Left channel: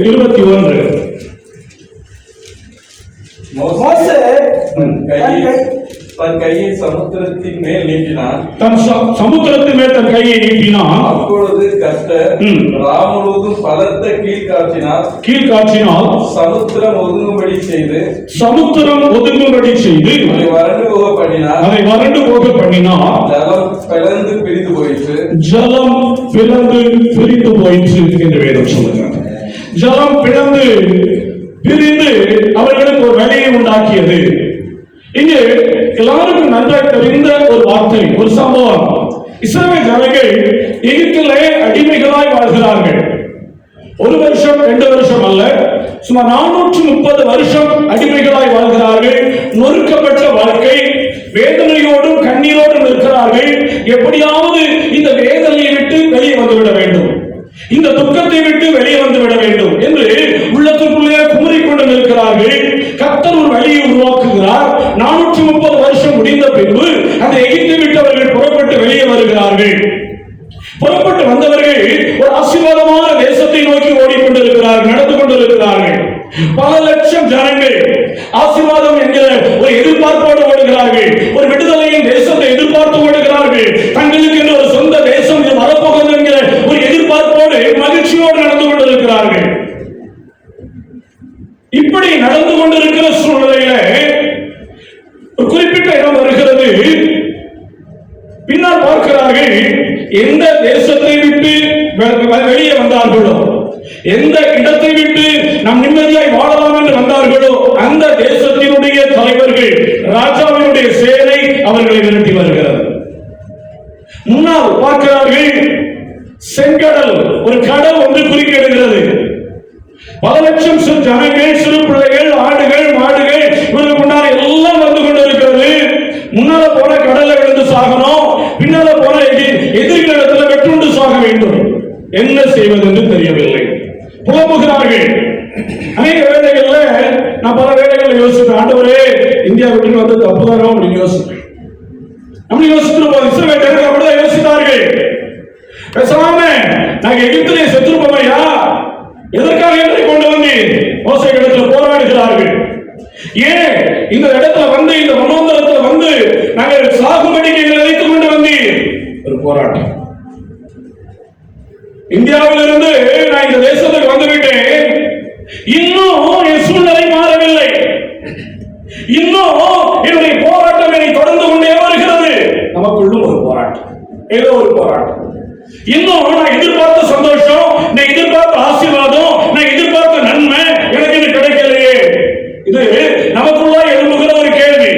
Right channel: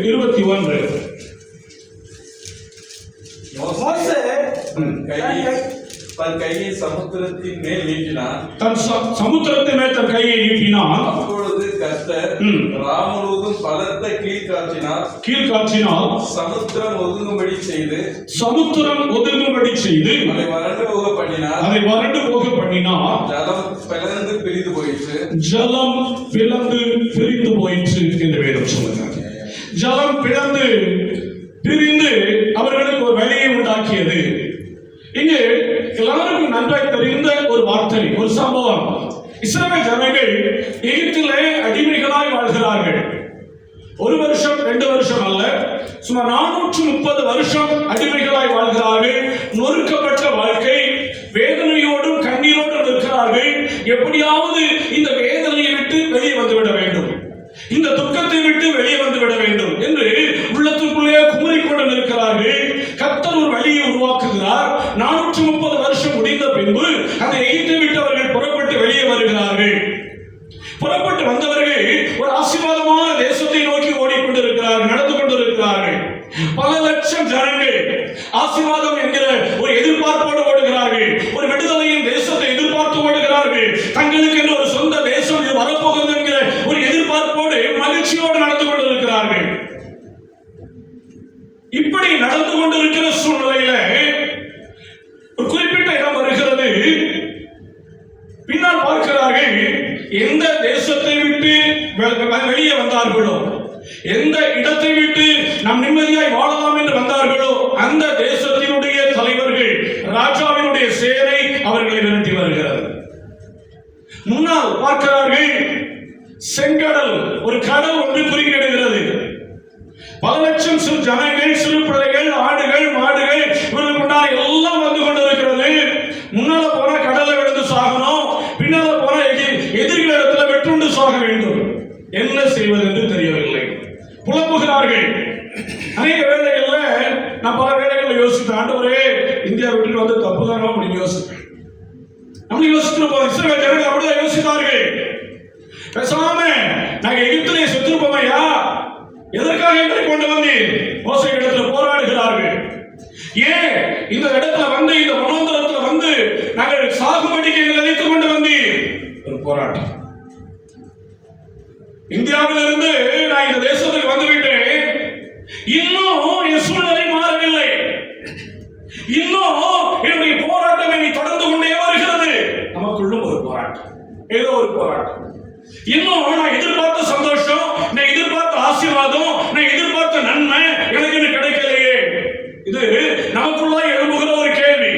21. மோசே தன் கையை சமுத்திரத்தின் மேல் நீட்டினான். சமுத்திரத்தின் மேல் தன் கையை நீட்டினான். அப்பொழுது கர்த்தர் ராமுழுவதும் பலத்த கீழ்காற்றினால் சமுத்திரம் ஒதுங்கும்படி செய்து அதை வறண்டு போக பண்ணினார். ஜலம் பிளந்து பிரிந்து போயிற்று என்று வேதம் சொல்லுகிறார். ஜலம் பிளந்து பிரிந்து அவர்களுக்கு ஒரு வழியை உண்டாக்கியது. இங்கே எல்லாருக்கும் நன்றாக தெரிந்த ஒரு வார்த்தை, ஒரு சம்பவம். இஸ்ரவேல் ஜனங்கள் எகிப்திலே அடிமைகளாய் வாழ்கிறார்கள். 1 வருஷம் 2 வருஷம் அல்ல, சுமார் 430 வருஷம் அடிமைகளாய் வாழ்கிறார்கள். நொறுக்கப்பட்ட வாழ்க்கை, வேதனையோடும் கண்ணீரோடும் இருக்கிறார்கள். எப்படியாவது இந்த வேதனையை விட்டு வெளியே வந்துவிட வேண்டும், இந்த துக்கத்தை விட்டு வெளியே வந்துவிட வேண்டும் என்று உள்ளத்துக்குள்ளே குமுறிக்கொண்டு நிற்கிறார்கள். கர்த்தர் ஒரு வழியை உருவாக்குகிறார். 430 வருஷம் முடிந்த பின்பு அந்த எகிப்தை விட்டு அவர்கள் புறப்பட்டு வெளியே வருகிறார்கள். புறப்பட்டு வந்தவர்கள் ஒரு ஆசீர்வாதமான தேசத்தை நோக்கி ஓடிக்கொண்டிருக்கிறார்கள், நடந்து கொண்டிருக்கிறார்கள். பல லட்சம் ஜனங்கள் ஆசீர்வாதம் என்கிற ஒரு எதிர்பார்ப்போடு ஓடுகிறார்கள். ஒரு விடுதலையின் தேசத்தை எதிர்பார்த்து ஓடுகிறார்கள். தங்களுக்கு என்று ஒரு சொந்த தேசம் இது வரப்போகிறது என்கிற ஒரு எதிர்பார்ப்போடு மகிழ்ச்சியோடு நடந்து கொண்டிருக்கிறார்கள். இப்படி நடந்து கொண்டிருக்கிற சூழ்நிலையில ஒரு குறிப்பிட்ட இடம் வருகிறது. பின்னால் பார்க்கிறார்கள், எந்த தேசத்தை விட்டு வெளியே வந்தார்களோ, எந்த இடத்தை விட்டு நாம் நிம்மதியாய் வாழலாம் என்று வந்தார்களோ, அந்த தேசத்தினுடைய தலைவர்கள், ராஜாவினுடைய சேனை அவர்களை விரட்டி வருகிறது. முன்னால் பார்க்கிறார்கள், செங்கடல், ஒரு கடல் ஒன்று குறுக்கிடுகிறது. பல லட்சம் ஜனங்கள், சிறு பிள்ளைகள், ஆடுகள், மாடுகள் இவருக்கு முன்னால் எல்லாம் வந்து கொண்டிருக்கிறது. முன்னால போன கடல்ல விழுந்து சாகணும், பின்னால போன எதிரிகளிடத்துல வெட்டுண்டு சாக வேண்டும். என்ன செய்வது என்று தெரியவில்லை, புலம்புகிறார்கள். அநேக வேலைகள்ல நான் பல வேலைகள் யோசிப்பேன், ஆண்டவரே இந்தியா விட்டு வந்து தப்புதானோ அப்படின்னு யோசிப்பேன். அப்படி யோசித்திருப்போம். இஸ்ரவேல் ஜனங்கள் அப்படிதான் யோசித்தார்கள். பேசாம நாங்க எகிப்திலே செத்துருப்போமையா, எதற்காக என்னை கொண்டு வந்து மோசே இடத்துல போராடுகிறார்கள். ஏன் இந்த இடத்துல வந்து, இந்த மனோந்தரத்துல வந்து நாங்கள் சாகுபடிக்கு நினைத்துக் கொண்டு வந்து ஒரு போராட்டம். இந்தியாவிலிருந்து நான் இந்த தேசத்துக்கு வந்துவிட்டேன், இன்னும் என் சூழ்நிலை மாறவில்லை, இன்னும் என்னுடைய போராட்டம் என்னை தொடர்ந்து கொண்டே வருகிறது. நமக்குள்ளும் ஒரு போராட்டம், ஏதோ ஒரு போராட்டம். இன்னும் நான் எதிர்பார்த்த சந்தோஷம், நான் எதிர்பார்த்த ஆசீர்வாதம், நான் எதிர்பார்த்த நன்மை எனக்கு இது கிடைக்கலையே. இது நமக்குள்ள எழுப்புகிற ஒரு கேள்வி.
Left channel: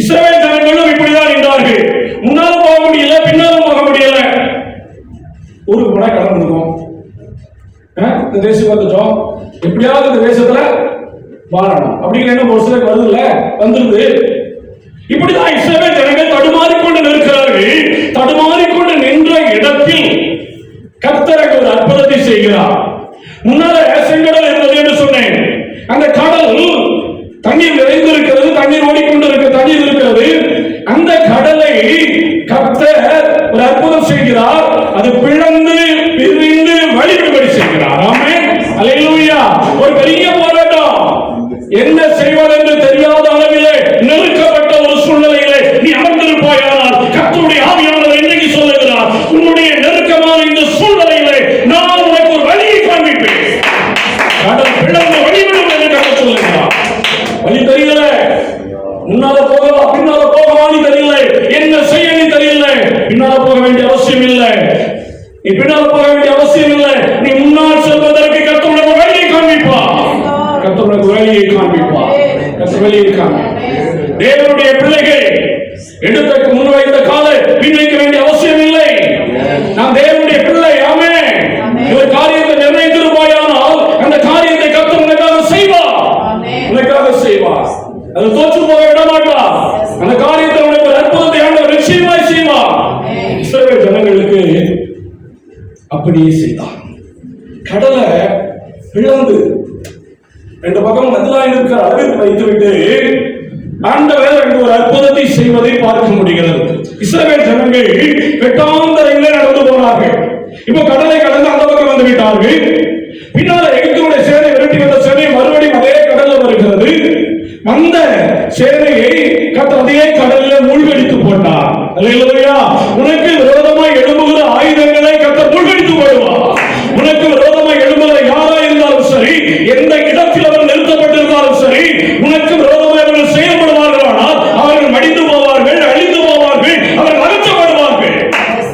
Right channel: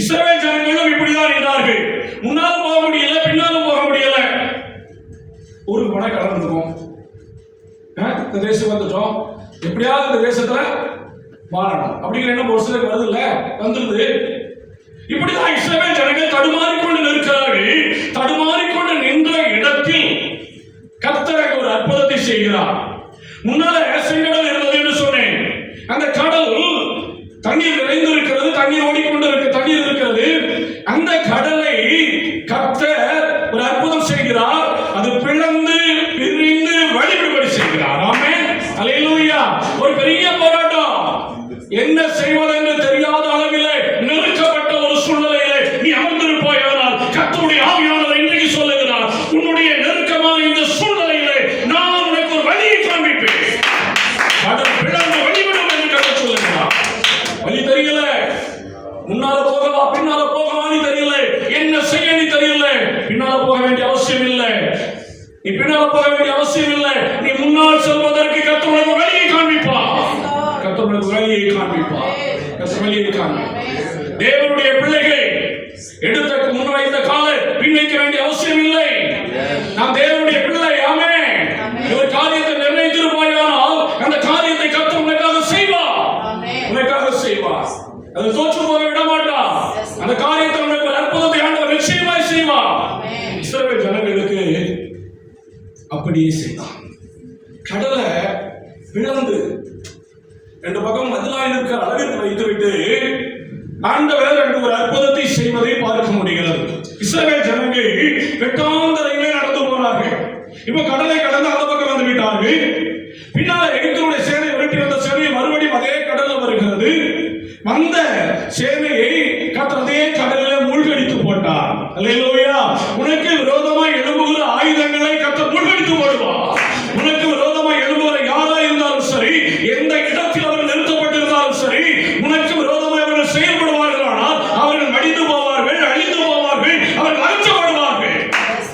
இஸ்ரவேல் ஜனங்களும் இப்படிதான் இருந்தார்கள். முன்னாலும் போக முடியல, பின்னாலும் போக முடியல. ஊருக்கு போனா கடந்துருக்கோம், இந்த தேசம் வந்துட்டோம், எப்படியாவது இந்த தேசத்துல வாழணும் அப்படிங்கிற எண்ணம் ஒரு சிலருக்கு வருது இல்ல, வந்துருது. இப்படிதான் இஸ்ரவேல் ஜனங்கள் தடுமாறிக்கொண்டு நிற்கிறார்கள். தடுமாறிக்கொண்டு நின்ற இடத்தில் கர்த்தர் ஒரு அற்புதத்தை செய்கிறார். முன்னால செங்கடல் இருந்தது என்று சொன்னேன். அந்த கடல் தண்ணீர் நிறைந்திருக்கிறது, தண்ணீர் ஓடிக்கொண்டிருக்கிறது, தண்ணீர் இருக்கிறது. அந்த கடலை கர்த்தர் ஒரு அற்புதம் செய்கிறார். அது பிளந்து பிரிந்து வழிபடி செய்கிறார். ஆமென், அல்லேலூயா. ஒரு பெரிய போராட்டம், என்ன செய்வது என்று தெரியாத அளவிலே நெருக்கப்பட்ட ஒரு சூழ்நிலையிலே நீ அமர்ந்திருப்பாயானால் கர்த்தருடைய ஆவியானவர் இன்றைக்கு சொல்லுகிறார், உன்னுடைய நெருக்கமான இந்த சூழ்நிலையிலே நான் உனக்கு ஒரு வழியை காண்பிப்பேன். கடல் பிளந்து வழிவிடும் என்று கர்த்தர் சொல்லுகிறார். வழி தெரியல, முன்னால போகவா பின்னால போகவான்னு தெரியல, என்ன செய்ய நீ தெரியல. பின்னால போக வேண்டிய அவசியம் இல்லை, நீ பின்னால போக வேண்டிய அவசியம் இல்லை. நீ முன்னால் செல்வதற்கு கர்த்தர் உனக்கு வழியை காண்பிப்பார். கர்த்தர் உனக்கு வழியை காண்பிப்பார். கர்த்தர் வழியை காண்பிப்பார். தேவனுடைய பிள்ளைகள் எடுத்த முன் வைத்த காலை பின்வைக்க வேண்டிய அவசியம் இல்லை. நான் தேவனுடைய பிள்ளை. ஆமென். ஒரு காரியத்தை நிர்ணயித்திருப்பாயானால் அந்த காரியத்தை கர்த்தர் உனக்காக செய்வார். உனக்காக செய்வார். அது தோற்று போக விட மாட்டார். அந்த காரியத்தை உனக்கு ஒரு அற்புதத்தை ஆண்டவர் நிச்சயமாய் செய்வார். இஸ்ரவேல் ஜனங்களுக்கு அப்படியே செய்தார். கடலை பிளந்து ரெண்டு பக்கம் மதிலாய் இருக்கிற அளவிற்கு வைத்துவிட்டு ஆண்டவர் ஒரு அற்புதத்தை செய்வதை பார்க்க முடிகிறது. இஸ்ரவேல் ஜனங்கள் வெட்டாந்தரையிலே நடந்து போனார்கள். இப்ப கடலை கடந்து அந்த பக்கம் வந்து விட்டார்கள். பின்னால எகிப்தினுடைய சேனை விரட்டி வந்த சேனை மறுபடியும் அதே கடல்ல வருகிறது. வந்த சேனையை கர்த்தர் அதே கடலில் மூழ்கடித்து போட்டார். அல்லேலூயா. உனக்கு விரோதமாய் எழும்புகிற ஆயுதங்களை கர்த்தர் மூழ்கடித்து போடுவார். உனக்கு விரோதமாய் எழும்புகிற யாரா இருந்தாலும் சரி, எந்த இடத்தில் அவர் நிறுத்தப்பட்டிருந்தாலும் சரி, உனக்கு விரோதமாய் அவர்கள் செயல்படுவார்கள். ஆனால் அவர்கள் மடிந்து போவார்கள், அழிந்து போவார்கள், அவர்கள் அகற்றப்படுவார்கள்.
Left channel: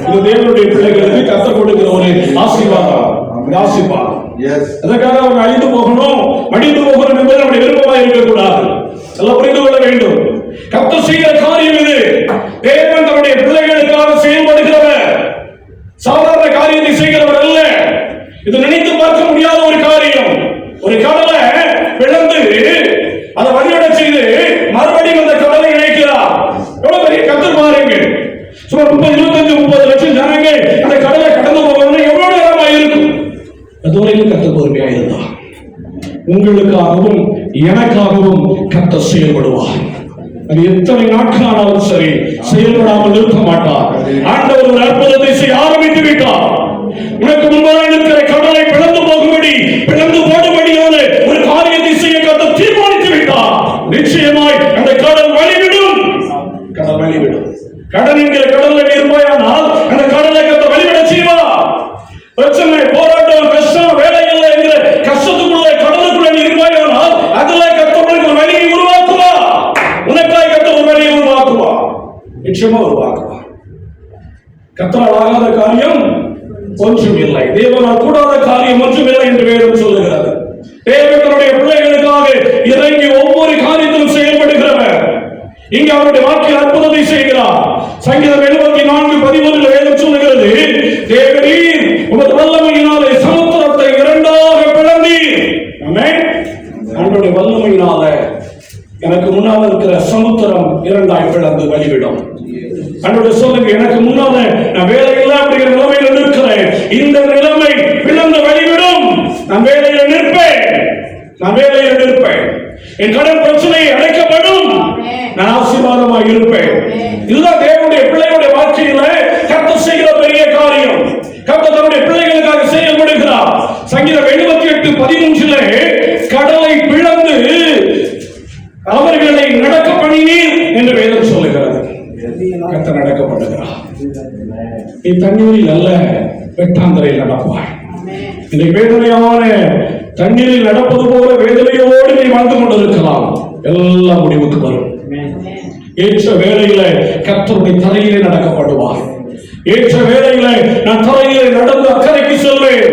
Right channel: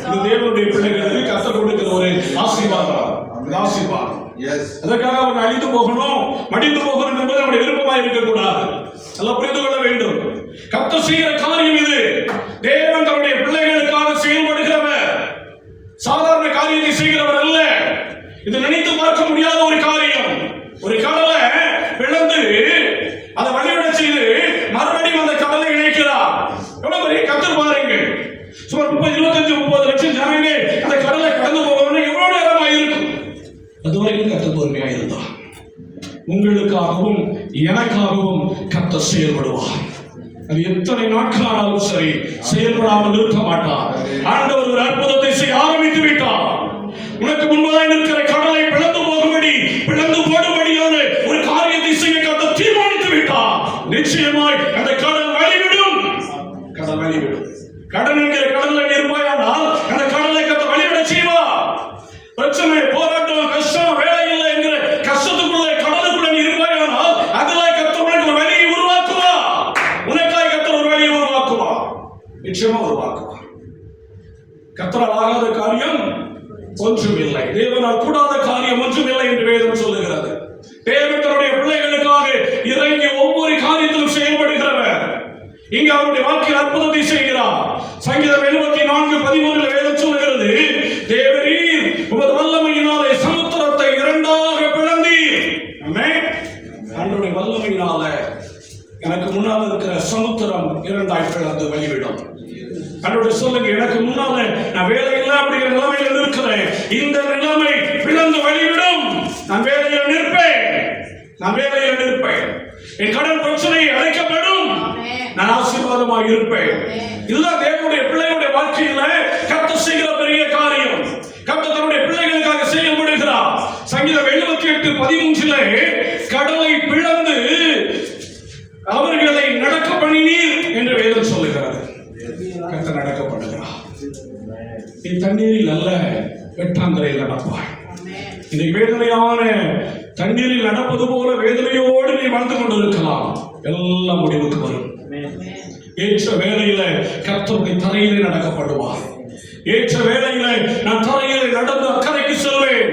இது தேவனுடைய பிள்ளைகளுக்கு கர்த்தர் கொடுக்கிற ஒரு ஆசீர்வாதம். ஆசீர்வாதம். அதற்காக அவங்க அழிந்து போகணும், மடிந்து போகணும் என்பது நம்முடைய விருப்பமாக இருக்கக்கூடாது. எல்லாம் புரிந்து கொள்ள வேண்டும். கர்த்தர் செய்கிற காரியம் இது. தேவன் தன்னுடைய பிள்ளைகளுக்காக செயல்படுகிறவர். சாதாரண காரியத்தை செய்கிறவர் அல்ல. இது நினைத்து பார்க்க முடியாத ஒரு காரியம். ஒரு கடலை பிளந்து அதை வழியோட செய்து மறுபடியும் அந்த கடலை இணைக்கிறார். எவ்வளவு பெரிய கர்த்தர் பாருங்க. சுமார் 25-30 லட்சம் ஜனங்கள் அந்த கடலை கடந்து போகணும். எவ்வளவு நேரமாக இருக்கும்? அதுவரைக்கும் கர்த்தர் பொறுமையாக இருந்தார். உங்களுக்காகவும் எனக்காகவும் கர்த்தர் செயல்படுவார். அது எத்தனை நாட்கள் ஆனாலும் சரி செயல்படாமல் நிற்க மாட்டார். ஆண்டவர் ஒரு அற்புதத்தை செய்ய ஆரம்பித்து விட்டார். உனக்கு முன்பாக இருக்கிற கடலை பிளந்து போகும்படி, பிளந்து போடும்படியான ஒரு காரியத்தை செய்ய கர்த்தர் தீர்மானித்து விட்டார். நிச்சயமாய் அந்த கடல் வழிவிடும். கடல் வழிவிடும். கடல் என்கிற கடல்ல நீ இருப்பாயானால் அந்த கடலை கர்த்தர் வழிவிட செய்வார். பிரச்சனை, போராட்டம், கஷ்டம், வேலை இல்லை என்கிற கஷ்டத்துக்குள்ள கடலுக்குள்ள நீ இருப்பாயானால் அதுல கர்த்தர் உனக்கு ஒரு வழியை உருவாக்குவார். உனக்காய் கர்த்தர் ஒரு வழியை உருவாக்குவார். நிச்சயமா உருவாக்குவார். கர்த்தரால் ஆகாத காரியம் ஒன்றும் இல்லை. தேவனால் கூடாத காரியம் ஒன்றும் இல்லை என்று வேதம் சொல்லுகிறது. தேவன் தன்னுடைய பிள்ளைகளுக்காக இறங்கி ஒவ்வொரு காரியத்திலும் செயல்படுகிறவர். இங்கே அவருடைய வாழ்க்கையில் அற்புதத்தை செய்கிறார். சங்கீதம் 74:13 வேதம் சொல்லுகிறது, தேவரீர் உமது வல்லமையினாலே சமுத்திரத்தை இரண்டாக பிளந்தீர். ஆமென். ஆண்டவருடைய வல்லமையினால எனக்கு முன்னால் இருக்கிற சமுத்திரம் இரண்டாய் பிளந்து வழிவிடும். ஆண்டவருடைய சொல்லுங்க, எனக்கு முன்னால நான் வேலை இல்லை அப்படிங்கிற நிலைமையில் இருக்கிறேன். இந்த நிலைமை பிளந்து வழிவிடும். நான் வேலையில் நிற்பேன். நான் வேலையில் நிற்பேன். என் கடன் பிரச்சனை அடைக்கப்படும். நான் ஆசீர்வாதமாக இருப்பேன். இதுதான் தேவனுடைய பிள்ளைகளுடைய வாழ்க்கையில கர்த்தர் செய்கிற பெரிய காரியம். கர்த்தர் தன்னுடைய பிள்ளைகளுக்காக செயல்படுகிறார். சங்கீதம் 78:13 கடலை பிளந்து அவர்களை நடக்க பண்ணினீர் என்று வேதம் சொல்லுகிறது. கர்த்தர் நடக்கப்படுகிறார். நீ தண்ணீரில் அல்ல, வெட்டாந்தரையில் நடப்பாய். இந்த வேதனையான தண்ணீரில் நடப்பது போல வேதனையோடு நீ வாழ்ந்து கொண்டிருக்கலாம். எல்லாம் முடிவுக்கு வரும். ஏற்ற வேளையில கர்த்தருடைய தரையிலே நடக்கப்படுவார். ஏற்ற வேளையில நான் தரையிலே நடந்து அக்கறைக்கு செல்வேன்.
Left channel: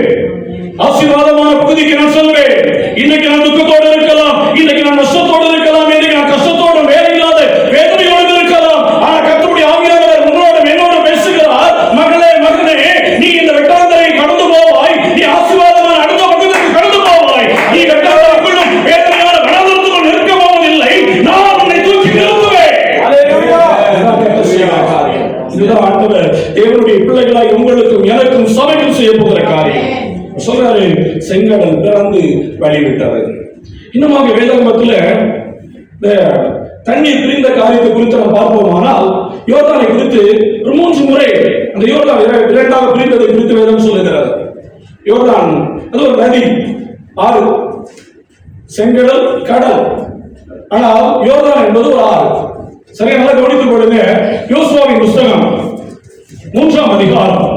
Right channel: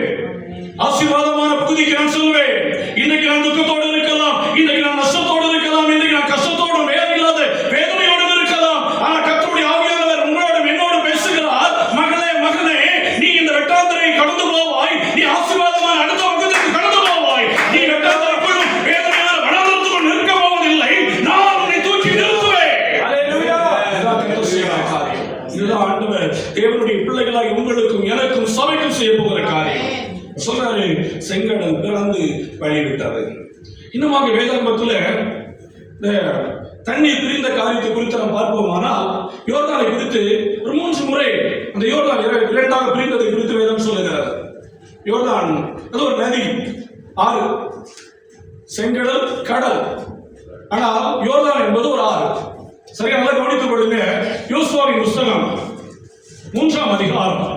ஆசீர்வாதமான பகுதிக்கு நான் செல்வேன். இன்னைக்கு நான் துக்கத்தோடு இருக்கலாம், இன்னைக்கு நான் நஷ்டத்தோடு இருக்கலாம், இன்னைக்கு நான் கஷ்டத்தோடு வேலை இல்லாத வேதனையோடு இருக்கலாம். ஆனா கர்த்தருடைய ஆவியானவர் உங்களோட என்னோட பேசுகிறார். மகளே, மகனே, நீ இந்த வெட்டாந்தரை கடந்து போவாய். நீ ஆசீர்வாதமான அடுத்த பக்கத்துக்கு கடந்து போவாய். நீ வெட்டாந்தரைக்குள்ளும் வேதனையான வனாந்தரத்துக்குள் நிற்க போவதில்லை. நான் உன்னை தூக்கி நிறுத்துவேன். அல்லேலூயா. இதுதான் ஆண்டவர் தேவனுடைய பிள்ளைகளாய் உங்களுக்கும் எனக்கும் சபைக்கும் செய்ய போகிற காரியம். சொல்றாரு, செங்கடல் பிளந்து வழிவிட்டது. இன்னுமாக வேதாகமத்தில் இந்த தண்ணீர் பிரிந்த காரியத்தை குறித்து நாம் பார்ப்போமானால், யோர்தானை குறித்து ஒரு 3 முறை அந்த யோர்தான் இரண்டாக பிரிந்ததை குறித்து வேதம் சொல்லுகிறது. யோர்தான் அது ஒரு நதி, ஆறு, செங்கடல், கடல். ஆனால் யோர்தான் என்பது ஒரு ஆறு. சரியா, நல்லா கவனித்துக் கொள்ளுங்க. யோசுவாவின் புஸ்தகம் 3ஆம் அதிகாரம்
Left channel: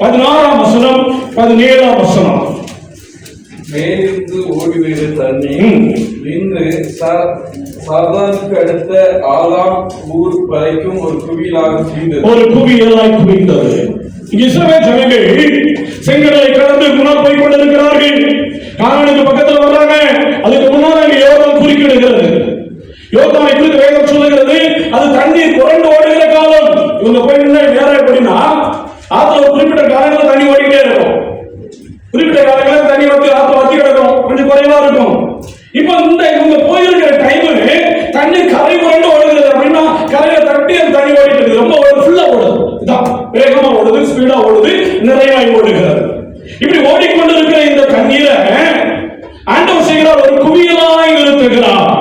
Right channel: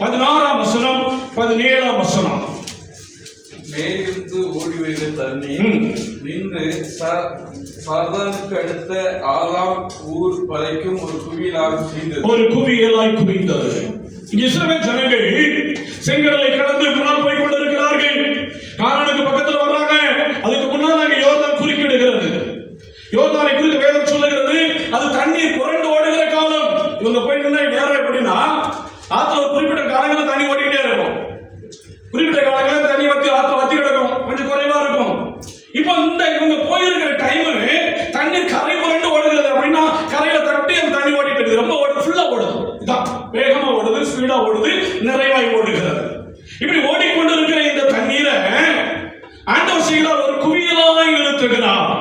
16ஆம் வசனம் 17ஆம் வசனம். மேலிருந்து ஓடிவெறு தண்ணீர் நின்று சார்தானுக்கு அடுத்த ஆலாம் ஊர் வரைக்கும் ஒரு குவியலாக குவிந்தது. ஒரு குவியலாய் குவிந்தது. இஸ்ரவேல் ஜனங்கள் செங்கடலை கடந்து முன்னால் போய் கொண்டிருக்கிறார்கள். கானானுக்கு பக்கத்தில் வர்றாங்க. அதுக்கு முன்னால் அங்கே யோர்தான் குறுக்கிடுகிறது. யோர்தானை குறித்து வேதம் சொல்லுகிறது, அது தண்ணீர் புரண்டு ஓடுகிற காலம். இவங்க போய் நின்று நேரம் எப்படின்னா, ஆத்துல ஒரு குறிப்பிட்ட காலங்களில் தண்ணி ஓடிக்கிட்டே இருக்கும். குறிப்பிட்ட காலங்களில் தண்ணி வந்து ஆத்துல வத்தி கிடக்கும், கொஞ்சம் குறைவா இருக்கும். இப்ப இந்த இவங்க போயிருக்கிற டைம் தண்ணீர் கரை புரண்டு ஓடுகிறது. அப்படின்னா கரையை தட்டி அந்த தண்ணி ஓடிட்டு இருக்குது. ரொம்ப ஃபுல்லா ஓடுது. இதான் வேகமா ஓடுது, ஸ்பீடா ஓடுது, நிறைவாய் ஓடுகிறது. இப்படி ஓடிக்கொண்டிருக்கிற இந்த தண்ணீரை ஆண்டவர் செய்கிறார், ஒரு குவியலாய் நிறுத்துகிறார்.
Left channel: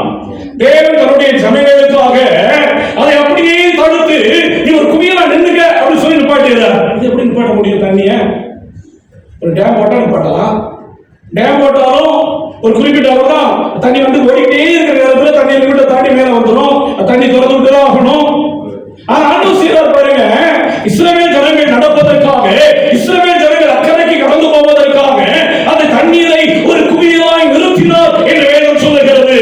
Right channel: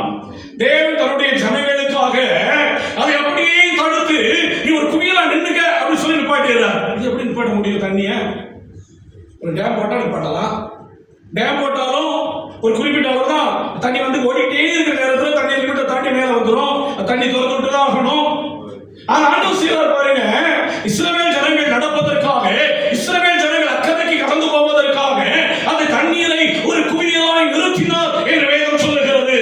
தேவன் தன்னுடைய ஜனங்களுக்காக அதை அப்படியே தடுத்து, நீ ஒரு குவியலா நின்னுங்க அப்படின்னு சொல்லி நிப்பாட்டுகிறார். இது எப்படி நிப்பாட்ட முடியும்? தண்ணிய ஒரு டேம் போட்டா நிப்பாட்டலாம், டேம் போட்டாலும் ஒரு குறிப்பிட்ட அளவு தான் தண்ணி வந்து ஓடிட்டே இருக்கிற நேரத்துல தண்ணி லிமிட்டை தாண்டி மேல வந்துடும். தண்ணி திறந்து விட்டு தான் ஆகணும். ஆனா ஆண்டவர் செய்றார் பாருங்க, இஸ்ரவேல் ஜனங்கள் நடப்பதற்காக, இஸ்ரவேல் ஜனங்கள் அக்கறைக்கு கடந்து போவதற்காக அந்த தண்ணீரை ஒரு குவியலாய் நிறுத்தினார் என்று வேதம் சொல்லுகிறது.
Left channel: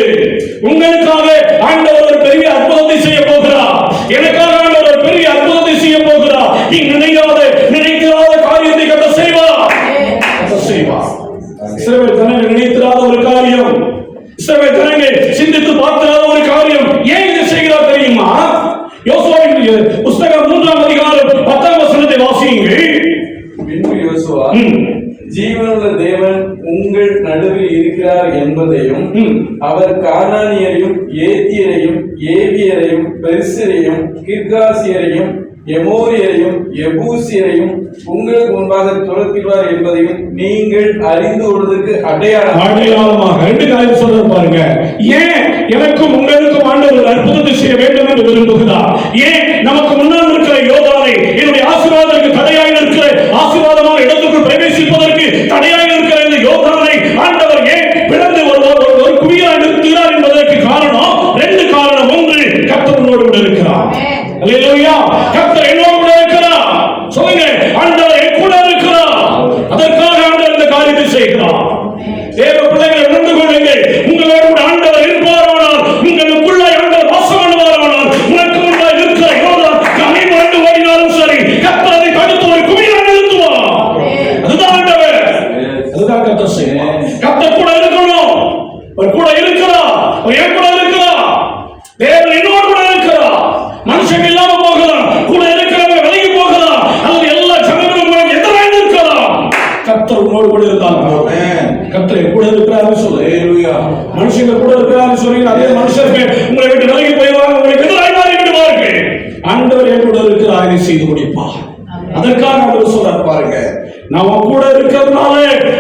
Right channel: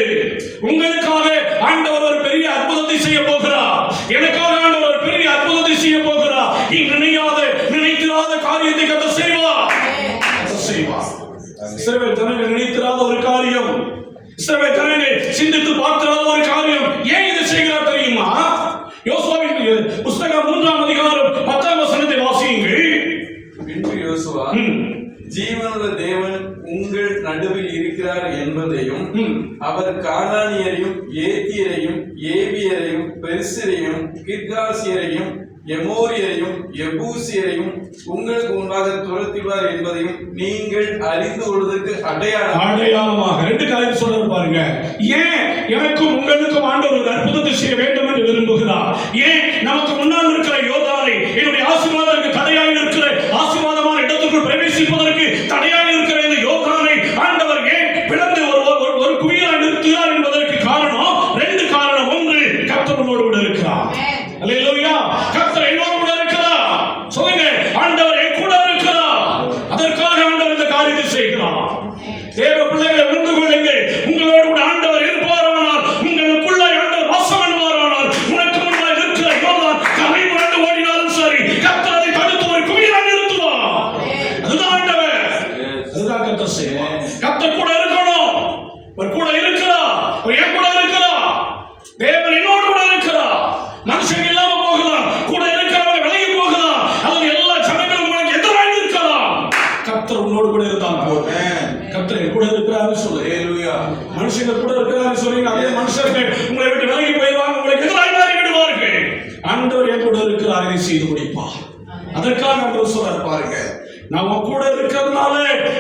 உங்களுக்காக ஆண்டவர் ஒரு பெரிய அற்புதத்தை செய்ய போகிறார். எனக்காக ஆண்டவர் ஒரு பெரிய அற்புதத்தை செய்ய போகிறார். நீ நினைக்காத காரியத்தை கர்த்தர் செய்வார். இஸ்ரவேல் ஜனங்கள் நினைத்திராத ஒரு காரியம், இஸ்ரவேல் ஜனங்கள் சிந்தித்து பார்க்காத ஒரு காரியம். ஏன் இதை செய்கிறார் தெரியுமா? யோசுவாவின் புத்தகம் 3ஆம் அதிகாரம் 10ஆம் வசனத்தை வாசியுங்கள். பின்பு யோசுவா ஜீவனுள்ள தேவன் உங்கள் நடுவில் இருக்கிறார் என்பதையும் அவர் கானானியரையும் ஏத்தியரையும் ஏவியரையும் பெரிசியரையும் கிர்காசியரையும் எமோரியரையும் எபூசியரையும் உங்களுக்கு முன்பாக துரத்திடுவார் என்பதையும் நீங்கள் அறிந்து கொள்வதற்கு அடையாளமாக ரெண்டு காரியம் சொல்றாரு பாருங்க. ஏன் எனக்கும் உங்களுக்கும் ஆண்டவர் ஒரு அற்புதத்தை செய்ய வேண்டும் என்று விரும்புகிறார்? ஏன் நமக்கு முன்னால் இருக்கிற யோர்தானை என்னுடைய ஆசீர்வாதத்திற்கு தடையாக இருக்கிற ஆசீர்வாதமான இடத்துக்குள் பிரவேசிப்பதற்கு தடையாக இருக்கிற இந்த யோர்தானை ஆண்டவர் ஏன் பிளந்து ஒரு குவியலாக நிறுத்துகிறார் என்பதற்கு காரணம் ரெண்டு காரணம். ஒன்று, கர்த்தர் உன்னோடு கூட இருக்கிறார். அல்லேலூயா. கர்த்தர் என்னோடு கூட இருக்கிறார். சொல்லுங்க, ஆண்டவர் என் கூட இருக்கிறார். அதற்காக ஆண்டவர் இந்த காரியத்தை செய்கிறார். தேவ பிள்ளைகளை உணர்ந்து கொள்ளுங்கள். உங்களோடு கூட ஆண்டவர் இருப்பாரானால், உங்களுக்குள்ள ஆண்டவர் வாசம் பண்ணுவாரானால், உனக்கு முன்பாக இருக்கிற யோர்தான் கரை புரண்டு ஓடினாலும் சரி, கர்த்தர் அதை தடுத்து ஒரு குவியலாக நிறுத்துவார். அதுதான் ஆண்டவர். அதுதான் கர்த்தர் செய்வார். கர்த்தர் கூட இருக்கணும். அவர் கூட இருக்கிறார். அவர் என் கூட இருக்கிறார். தேவன் என்னோடு கூட இருக்கிறார். மனுஷன் இல்லாம போகலாம், கூட இருக்கிறவங்க விலகி போகலாம், அல்லது எல்லா ஜனங்களும் உங்களுக்கு எதிராக இருக்கலாம். கர்த்தர் உன்னோடு கூட இருந்தார். கர்த்தர் கூட இருக்கிறாரு சொல்லு. மனுஷங்க கூட இருக்கிறாரு சொல்லுங்க. அதே மனுஷருக்கு உங்களை விட்டு விலகி போயிடுவாங்க, உங்களுக்கு எதிராக மாறி விடுவார்கள். ஆண்டவர் என் கூட இருக்கிறார், இதை செய்து முடிப்பார். அதற்காக ஆண்டவர் சொல்றார் பாருங்க, நான் உன் கூட இருக்கிறதுனால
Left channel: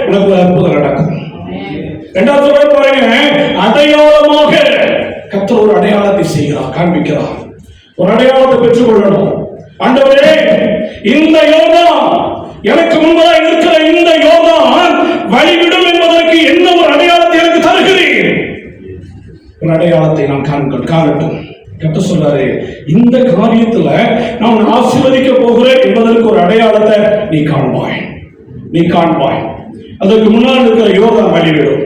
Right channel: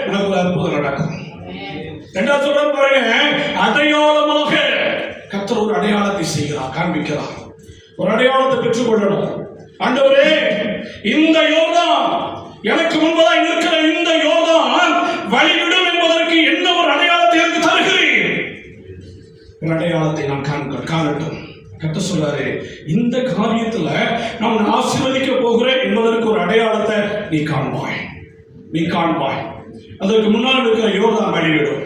உனக்கு ஒரு அற்புதம் நடக்கும். இரண்டாவது சொல்ற பாருங்க, அடையாளமாக கர்த்தர் ஒரு அடையாளத்தை செய்கிறார், காண்பிக்கிறார். ஒரு அடையாளத்தை பெற்றுக் கொள்ளணும். ஆண்டவரே, இந்த யோர்தான் எனக்கு முன்பதாக இருக்கிற இந்த யோர்தான் வழிவிடும் என்பதற்கு என்ன ஒரு அடையாளத்தை எனக்கு தருகிறீர்? ஒரு அடையாளத்தை நான் காணட்டும். கர்த்தர் சொல்றாரு, இந்த காரியத்துல நான் ஆசீர்வதிக்க போகிறேன் என்பதற்கு ஒரு அடையாளத்தை நீ காண்பாய். அதற்கு முன்னால் இருக்கிற யோர்தான் வழிவிடும்.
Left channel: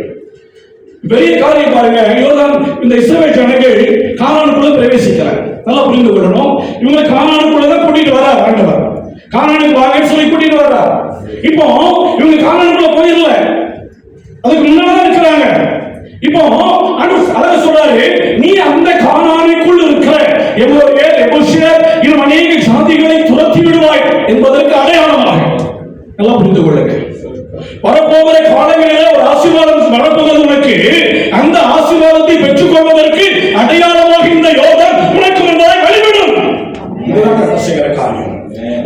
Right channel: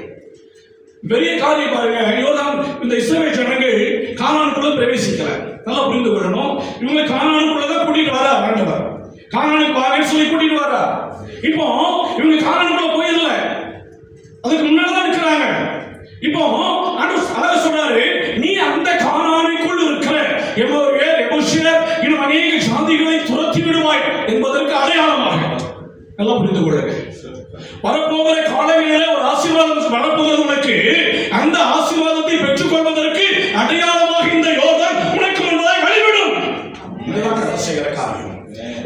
பெரிய காரியம் பாருங்க. யோர்தான் இந்த இஸ்ரவேல் ஜனங்கள் கானானுக்குள்ள பிரவேசிக்கிறார். நல்லா புரிந்து கொள்ளணும். இவங்க கானானுக்குள்ள தான் கூட்டிட்டு வரார் ஆண்டவர். கானானுக்கு வாங்கன்னு சொல்லி கூட்டிட்டு வர்றார். இப்போ இவங்க கானானுக்குள்ள போயிடல, அதுக்கு முன்னாடி இருக்கிறாங்க. இப்போ அதான் சொல்றாரு, நீ அந்த கானானுக்குள் இருக்கிற எமோரியர், எபூசியர் இன்னும் அநேக ஜாதிகளை துரத்தி விடுவாய் என்பதற்கு அடையாளமாக. நல்லா புரிந்து கொள்ளுங்க. வரப்போகிற காலங்களிலே ஒரு ஆசீர்வாதம் வரப்போகிறது உனக்கு. அந்த ஆசீர்வாதத்தை பெற்றுக் கொள்வதற்கு அடையாளமாக இந்த யோர்தான் உனக்கு முன்பாக வழிவிடும். இதுதான் கர்த்தர் செய்கிற காரியம்.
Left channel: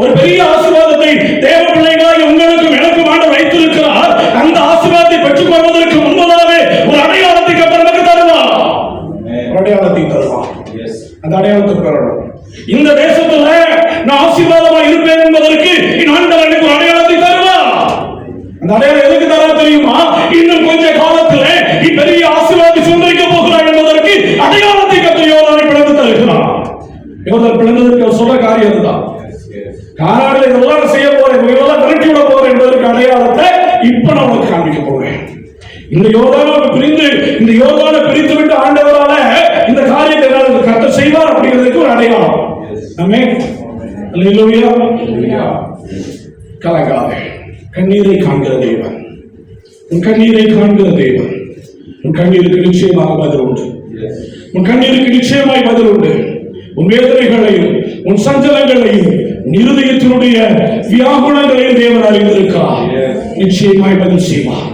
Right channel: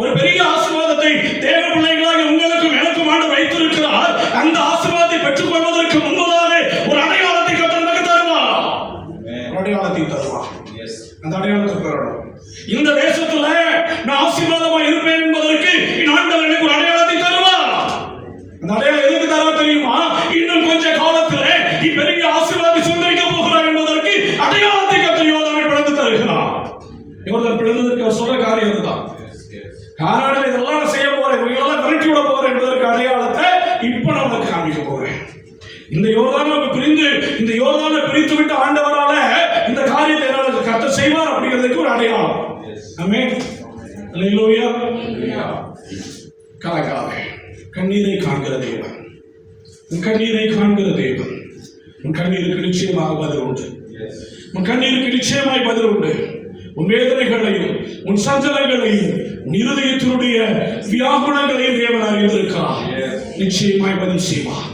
ஒரு பெரிய ஆசீர்வாதத்தை தேவ பிள்ளைகளாக உங்களுக்கும் எனக்கும் ஆண்டவர் வைத்திருக்கிறார். அந்த ஆசீர்வாதத்தை பெற்றுக் கொள்வதற்கு முன்பதாக ஒரு அடையாளத்தை கர்த்தர் நமக்கு தருவார். ஒரு அடையாளத்தை தருவார். அந்த அடையாளத்தை பெறணும். இந்த தேசத்துல நான் ஆசீர்வாதமாக இருப்பேன் என்பதற்கு ஆண்டவர் எனக்கு ஒரு அடையாளத்தை தருவார். அந்த அடையாளம் எதுக்கு தரா தெரியுமா? இன்னும் கொஞ்ச காலத்துல நீ பெரிய ஆசீர்வாதத்தை சுமந்திக்க போகிறாய் என்பதற்கு அடையாளத்தை கர்த்தர் யோர்தானை பிளந்து தருகிறார். யோர்தான் பிளந்ததற்கு அவர் சொல்ற காரியம் இதுதான். கானானில் இதெல்லாம் செய்ய போறேன், இதெல்லாம் விரட்டி விட போறேன் என்பதற்கு அடையாளத்தை இப்ப நான் உனக்கு காண்பிக்க போகிறேன். இந்த யோர்தானை பிரித்து விட்டு ஆண்டவரால இந்த காரியத்தை கர்த்தர் செய்வார் அப்படிங்கிறதுக்கு ஒரு அடையாளம். ஆமென். அல்லேலூயா. கலங்காதே. கண்ணீரை காண்கிற தேவன், உன் கண்ணீரை காண்கிற தேவன். உன் கண்ணீருக்கு நிச்சயமாக பதில் உண்டு. உன் கண்ணீருக்கு நிச்சயமாய் பதில் உண்டு. உன் வேதனைகளையும் உன் சஞ்சலங்களையும் உன் இருதயத்தினுடைய வியாகுலங்களையும் தேவன் அறிந்திருக்கிறார். நிச்சயமாய் பதில் செய்வார்.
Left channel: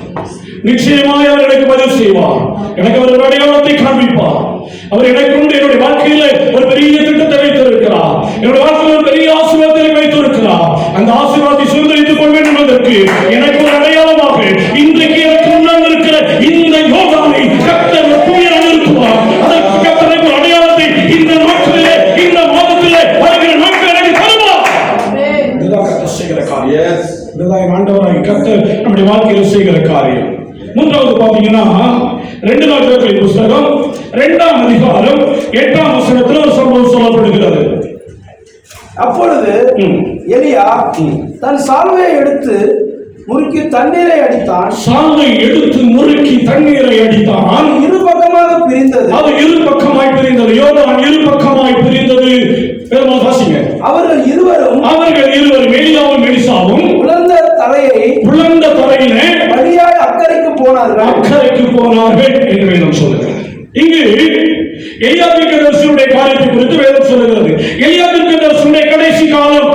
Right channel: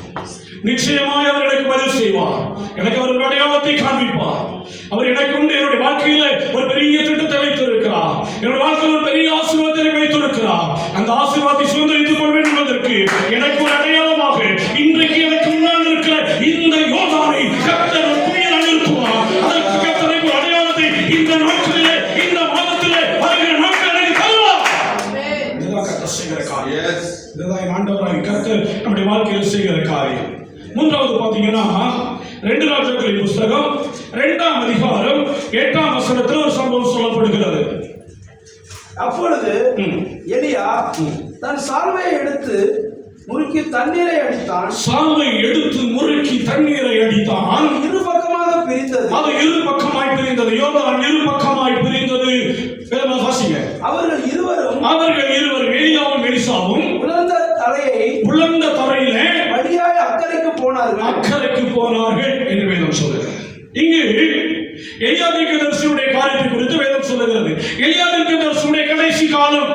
நிச்சயமாய் அவர் எனக்கு பதில் செய்வார். எனக்கு ஒரு அடையாளத்தை காண்பிப்பார். அவர் எனக்கு உண்டு. என்னுடைய வாழ்க்கையில ஒரு பெரிய திட்டத்தை வைத்திருக்கிறார். என்னுடைய வாழ்க்கையில் ஒரு பெரிய ஆசீர்வாதத்தை வைத்திருக்கிறார். அந்த ஆசீர்வாதத்தை சுதந்திரித்துக் கொள்வேன் என்பதற்கு எனக்கு ஒரு அடையாளமாக இன்றைக்கு எனக்கு முன்னால் இருக்கிற இந்த யோர்தானை கர்த்தர் ஒரு குவியலாக நிறுத்துவார். அதற்கு கர்த்தர் ஒரு அடையாளத்தை இந்த நாட்களிலே, இந்த மாதத்திலே, வருகிற நாட்களில் எனக்கு தருவார். இதுதான் கர்த்தர் செய்கிற காரியம். இதுதான் ஆண்டவராகிய கர்த்தர் நம்முடைய வாழ்க்கையில் செய்கிற காரியம். மூன்றாவது பாத்தீங்கன்னா 2 நாட்களின் புஸ்தகம் 2ஆம் அதிகாரம் 8ஆம் வசனத்தில் ஒரு சம்பவம் சொல்லப்படுகிறது. அப்பொழுது எலியா தன் சால்வையை எடுத்து முறுக்கி தண்ணீரை அடித்தான். சால்வை எடுத்து முறுக்கி தண்ணீரை அடித்தான். இரு பக்கமாக பிரிந்தது. அது இரு பக்கமாய் பிரிந்தது. யோர்தான் இரு பக்கமாய் பிரிந்தது. அவர்கள் இருவரும் எலியாவும் எலிசாவும் உலர்ந்த தரையிலே வழியாய் அக்கறைக்கு போனார்கள் என்று வேதம் சொல்லுகிறது. இங்கு எலியா தீர்க்கதரிசியுடைய காரியத்தை குறித்து வேதம் சொல்லுகிறது. எலியா தீர்க்கதரிசியுடைய கடைசி காலம்,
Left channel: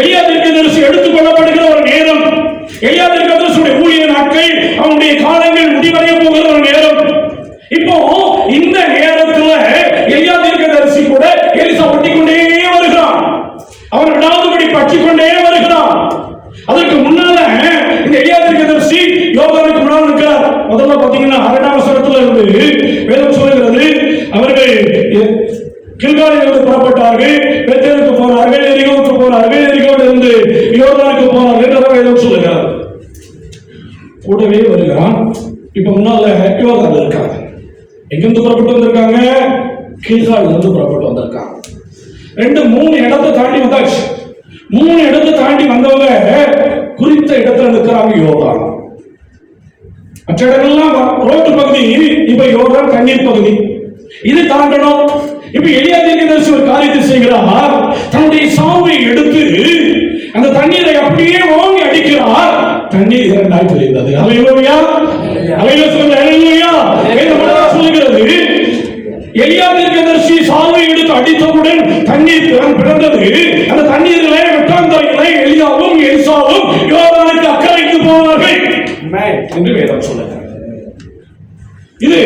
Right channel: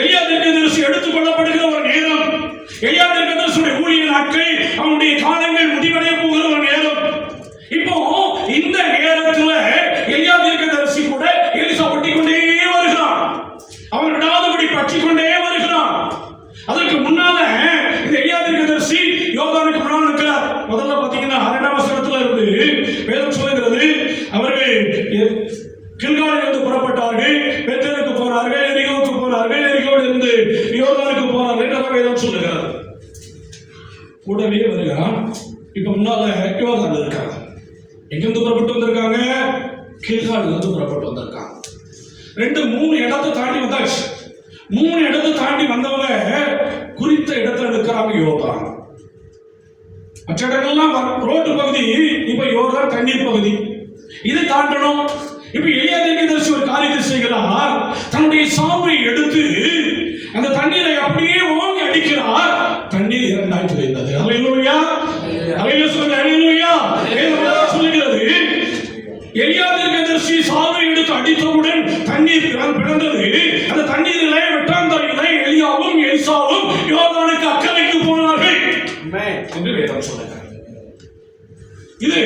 எலியா தீர்க்கதரிசி எடுத்துக் கொள்ளப்படுகிற ஒரு நேரம், எலியா தீர்க்கதரிசியுடைய ஊழிய நாட்கள், அவனுடைய காலங்கள் முடிவடைய போகிற ஒரு நேரம். இப்போ இந்த நேரத்துல எலியா தீர்க்கதரிசி கூட எலிசா பற்றிக்கொண்டே வருகிறான். அவன் விடாதபடி பற்றிக்கொண்டே வருகிறான். அதற்கு முன்னால இந்த எலியா தீர்க்கதரிசி யோர்தானுக்கு முன்னால் இருக்கிறார். முதல்ல பாத்தீங்கன்னா 2ஆம் வசனத்துல இருந்து வேதம் சொல்லுகிறது, அவர்கள் கில்காலிலிருந்து புறப்பட்டார்கள், பெத்தேலுக்கு போனார்கள், எரிகோவுக்கு போனார்கள், எரிகோவிலிருந்து யோர்தானுக்கு போனார்கள் என்று வேதம் சொல்லுகிறார். கூடவே வருகிறான். இப்ப முன்னால யோர்தான் இருக்காங்க. எங்கிருந்து புறப்பட்டு வந்திருக்காங்க? கில்காலிலிருந்து புறப்பட்டு வந்திருக்காங்க. 2-3 இடத்தை தாண்டி வந்தாச்சு. 3 இடத்தை தாண்டி வந்தவங்க குறித்த இடத்துல இருக்கிறாங்க யோர்தான். மற்ற இடங்கள்லாம் ரோட்டு பகுதி, இப்ப யோர்தான் தண்ணீர் பகுதி. இது தாண்டணும். இப்ப எலியா தீர்க்கதரிசி ஒரு காரியத்தை செய்கிறார். தன்னுடைய சாவை எடுத்து அந்த தண்ணீரை அப்படியே ஓங்கி அடிக்கிறார். தண்ணீர் 2ஆய் பிரிந்தது. அல்லேலூயா, அல்லேலூயா சொல்லுங்க, அல்லேலூயா. வேதம் சொல்லுகிறது, எலியா தீர்க்கதரிசி சாவை எடுத்து அடித்தவுடன் தண்ணீர் பிறந்தது. அந்த தண்ணீரிலே வெட்டாந்தரையிலே எலியாவும் எலிசாவும் யோர்தானுக்கு அக்கறைக்கு போனார்கள் என்று வேதம் சொல்லுகிறது. இது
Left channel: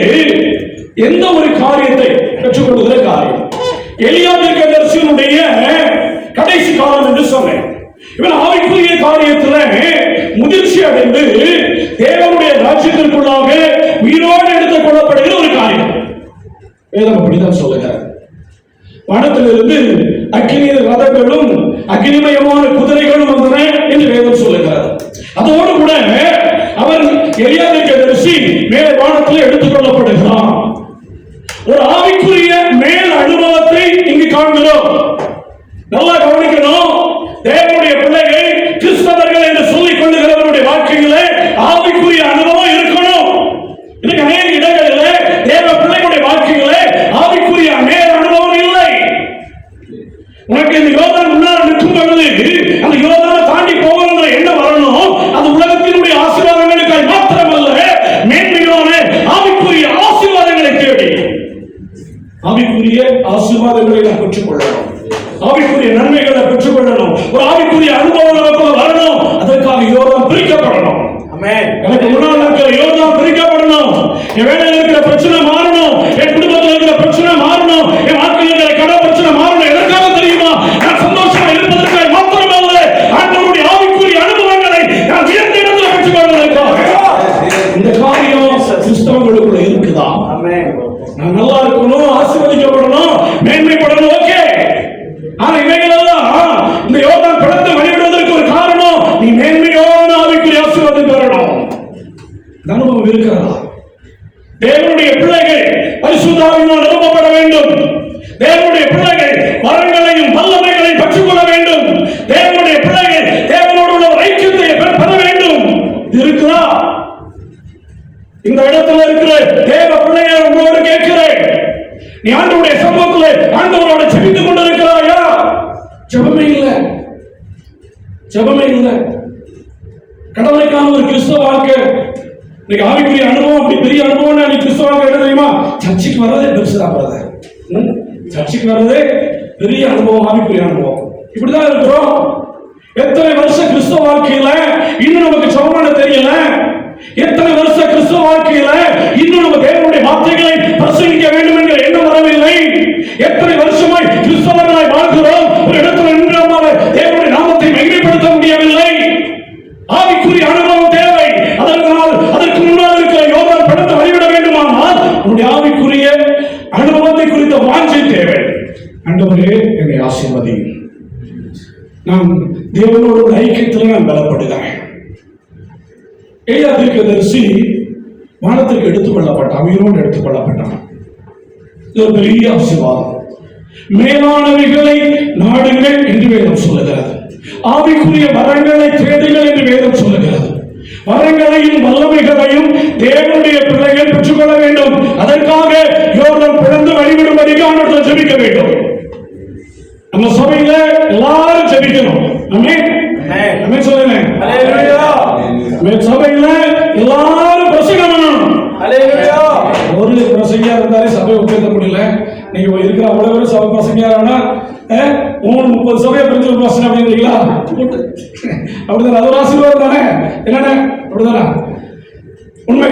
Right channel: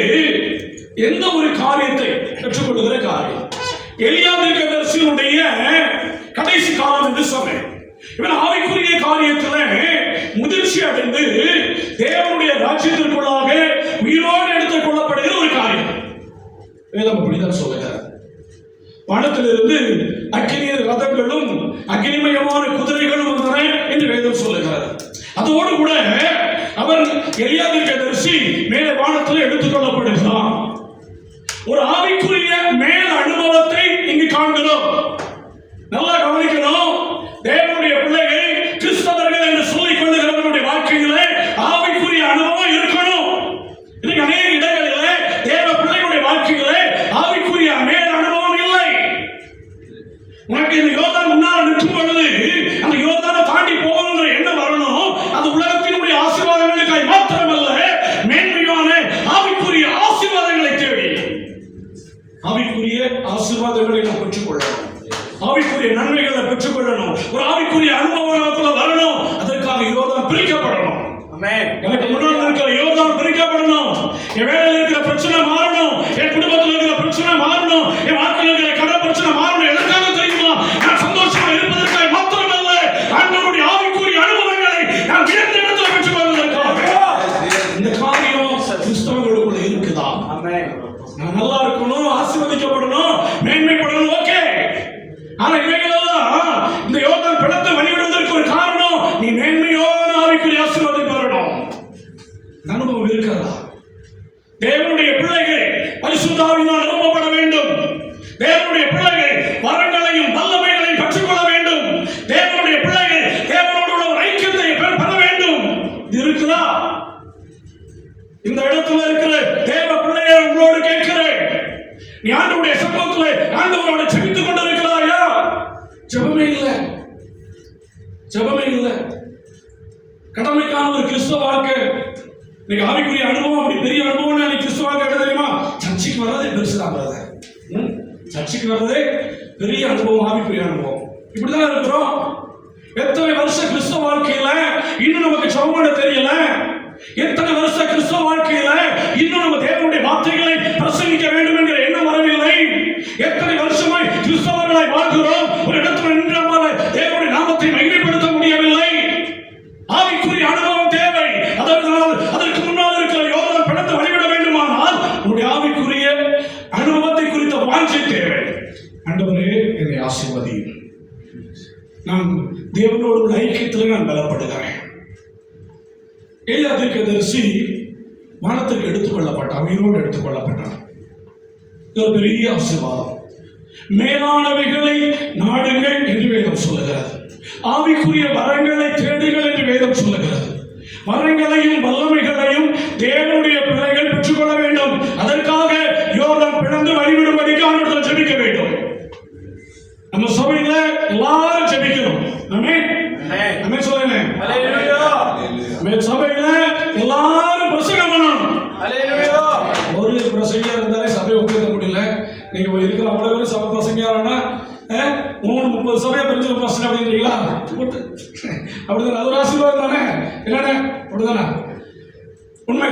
எந்த ஒரு காரியத்தை பெற்றுக்கொள்கிற காரியம். எலியா தீர்க்கதரிசியினுடைய கடைசி காலம் என்று சொன்னேன். இவன் ஆவிக்குரிய காரியத்தில் முதிர்ச்சி அடைந்து தேவனுடைய ராஜ்யத்திற்குள்ளாக உயிரோடு எடுத்துக் கொள்ளப்படுகிற ஒரு காரியம். வேதம் அப்படிதான் சொல்லுகிறார். வானத்திலிருந்து அக்கினி ரதங்களும் அக்கினிமயமான குதிரைகளும் வந்தன என்று வேதம் சொல்லுகிறார். அதோடு கூட அவன் எலியா தீர்க்கதரிசி மேலே வானத்தில் எடுத்துக் கொள்ளப்படுகிறான். ஒரு ஆவிக்குரிய மேல் அனுபவத்தை இங்கு காண்கிறோம். நல்லா கவனிக்கணும். தேவனுடைய பிள்ளைகள், கிறிஸ்தவர்கள் என்று சொல்லிக் கொள்ளுகிறவருடைய வாழ்க்கையிலே ஆவிக்குரிய அனுபவம் இருக்கணும். இன்னைக்கு அநேக இடங்களில் தேவ பிள்ளைகளுடைய வாழ்க்கையிலே ஆவிக்குரிய மேல் அனுபவம் இல்லை. உனக்கு இந்த யோர்தான் முன்னால் நிற்கும் பொழுது அந்த யோர்தானை தாண்டி போகிற எண்ணம் வரணும். அது உலகத்தினுடைய ஆசீர்வாதங்களுக்காய் மாத்திரமல்ல, மேன்மையான ஆவிக்குரிய ஆசீர்வாதங்களை தேடி ஆவிக்குரிய ஆசீர்வாதங்களை நாம் பெற்றுக்கொள்ளணும். ஆவிக்குரிய நன்மைகளை பெற்றுக்கொள்ளணும். ஒரு ஆவிக்குரிய அனுபவம் வரணும். அதற்காக யோர்தான் பிரிக்கப்படணும். எனக்கு முன்னால் இருக்கிற யோர்தான் பிரிக்கப்படணும். என் வேலையில் இருக்கிற பிரச்சனை மாறணும். என் குடும்பத்தில் இருக்கிற பிரச்சனை மாறணும். என் வாழ்க்கையில் இருக்கிற கடை பிரச்சனை மாறணும். எதற்காக தெரியுமா? நான் சந்தோஷமா இருப்பதற்காக மாத்திரமல்ல, ஆண்டவருடைய ஆவிக்குரிய அனுபவங்களை நான் உயர்ந்த இடத்துல பெற்றுக்கொள்வதற்காக. இந்த காரியம் கிறிஸ்தவங்களுக்குள்ள இருக்குதா? நான் நல்லா இருக்கணும், ஆசீர்வதிக்கப்படணும், மேன்மைப்படணும். ஓகே. ஆனா இவைகளெல்லாம் இந்த யோர்தான் படத்தை வழிவிடுவதற்கு ஒரு காரணம், நீ மேன்மையோடு ஆவிக்குரிய ஆசீர்வாதம் பெறணும். அனுபவம் இருக்கிறதா? தேவனுடைய பிள்ளைகள் பரிசுத்த ஆவியினால் நிரப்பப்பட வேண்டும். தேவனுடைய பிள்ளைகள் வரங்களையும் வல்லமைகளையும் பெற்றுக்கொள்ள வேண்டும். தேவனுடைய பிள்ளைகள் தேவனோடு உள்ள ஐக்கியத்தை பெற வேண்டும். இது இருக்குதா? இந்த இடத்துல இருக்கிற தேவ பிள்ளைகளை உங்களோடு கேட்கிறேன், நீ ஆண்டவருடைய சமூகத்தில் ஆண்டவரோட ஜெபித்துக் கொண்டிருக்கிறாயா? ஜெபமே இல்லை, ஜெபமே இல்லை. கடவுளுக்கான ஒரு கிறிஸ்தவ வாழ்க்கை, இன்னைக்கு ஆவிக்குரிய அனுபவம், அப்படி பெரிய அனுபவம். நீ கிறிஸ்தவ வாழ்க்கை என்ன தெரியுமா? சர்ச்சைக்கு வர்றதே பெருசுதான் பிரதர். சர்ச்சைக்கு வர்றதே பெரிய அனுபவம், ஆவிக்குரிய அனுபவம். இப்படிதான் இருக்கிறோம். எத்தனை வருஷம் கிறிஸ்தவ வாழ்க்கையில இன்னும் நமக்கு சமமான தெரியல. எத்தனை வருஷ கிறிஸ்தவ வாழ்க்கையில இன்னும் நம்ம தேவனுடைய வார்த்தைகளை பிரசங்கிக்க வேண்டும் என்கிற எண்ணம் வரவில்லை. எத்தனை வருஷமாய் கிறிஸ்தவர்களாய் வாழ்கிறோம். ஒரு இடத்துல நின்று தேவனுடைய நாமத்தை மகிமைப்படுத்த முடியவில்லை. ஆவிக்குரிய அனுபவம் தேவை. அதற்கு முன்னால் இருக்கிற யோர்தான் படத்தை வழிவிட வேண்டுமானால் உன்னுடைய ஆவிக்குரிய அனுபவத்தை குறித்த வாஞ்சை தேவை. ஆண்டவரே என்னை ஆசீர்வதியும். நான் தேவனோட ஐக்கியத்தில் நான் பலப்படுகிறேன். எலியா தீர்க்கதரிசி வானத்திற்கு எடுத்துக் கொள்ளப்பட்டான், உயிரோடு எடுத்துக் கொள்ளப்பட்டான். இது ஒரு பெரிய ஆசீர்வாதம். மேலானவைகளை நாடுங்கள் என்று வேதம் சொல்லுகிறது. ஆவிக்குரிய வரங்களை தேடுங்கள் என்று வேதம் சொல்லுகிறது. வரங்களையும் வல்லமைகளையும் தேவனுடைய பிள்ளைகள் பெற்றுக்கொள்ள வேண்டும். அதற்காக யோர்தான் பிளந்து வழிவிடும்படிக்கு ஆண்டவரிடம் ஜெபிக்க வேண்டும். நம்ம சபையில எல்லாரும் ஜெபிக்கணும். ஆமென். ஆமென் சொல்லுங்க. ஹalleluya. நம்ம சபையில எல்லாரும் பிரசங்கம் பண்ணணும். ஹalleluya. ஒரு பிரசங்கியா இருந்தாலே சபையை உட்கார்த்த முடியல. நீங்க இருக்கிற அவ்வளவு பேரும் சபை பிரசங்கியாரானா 30 சபையை பிரிஞ்சு பிரசங்கம் அப்படிங்கிறீங்களா? அப்படிதான், அது ஒரு ஆசீர்வாதம் தானே. என்னண்ணே அப்படிதானே? உண்மை.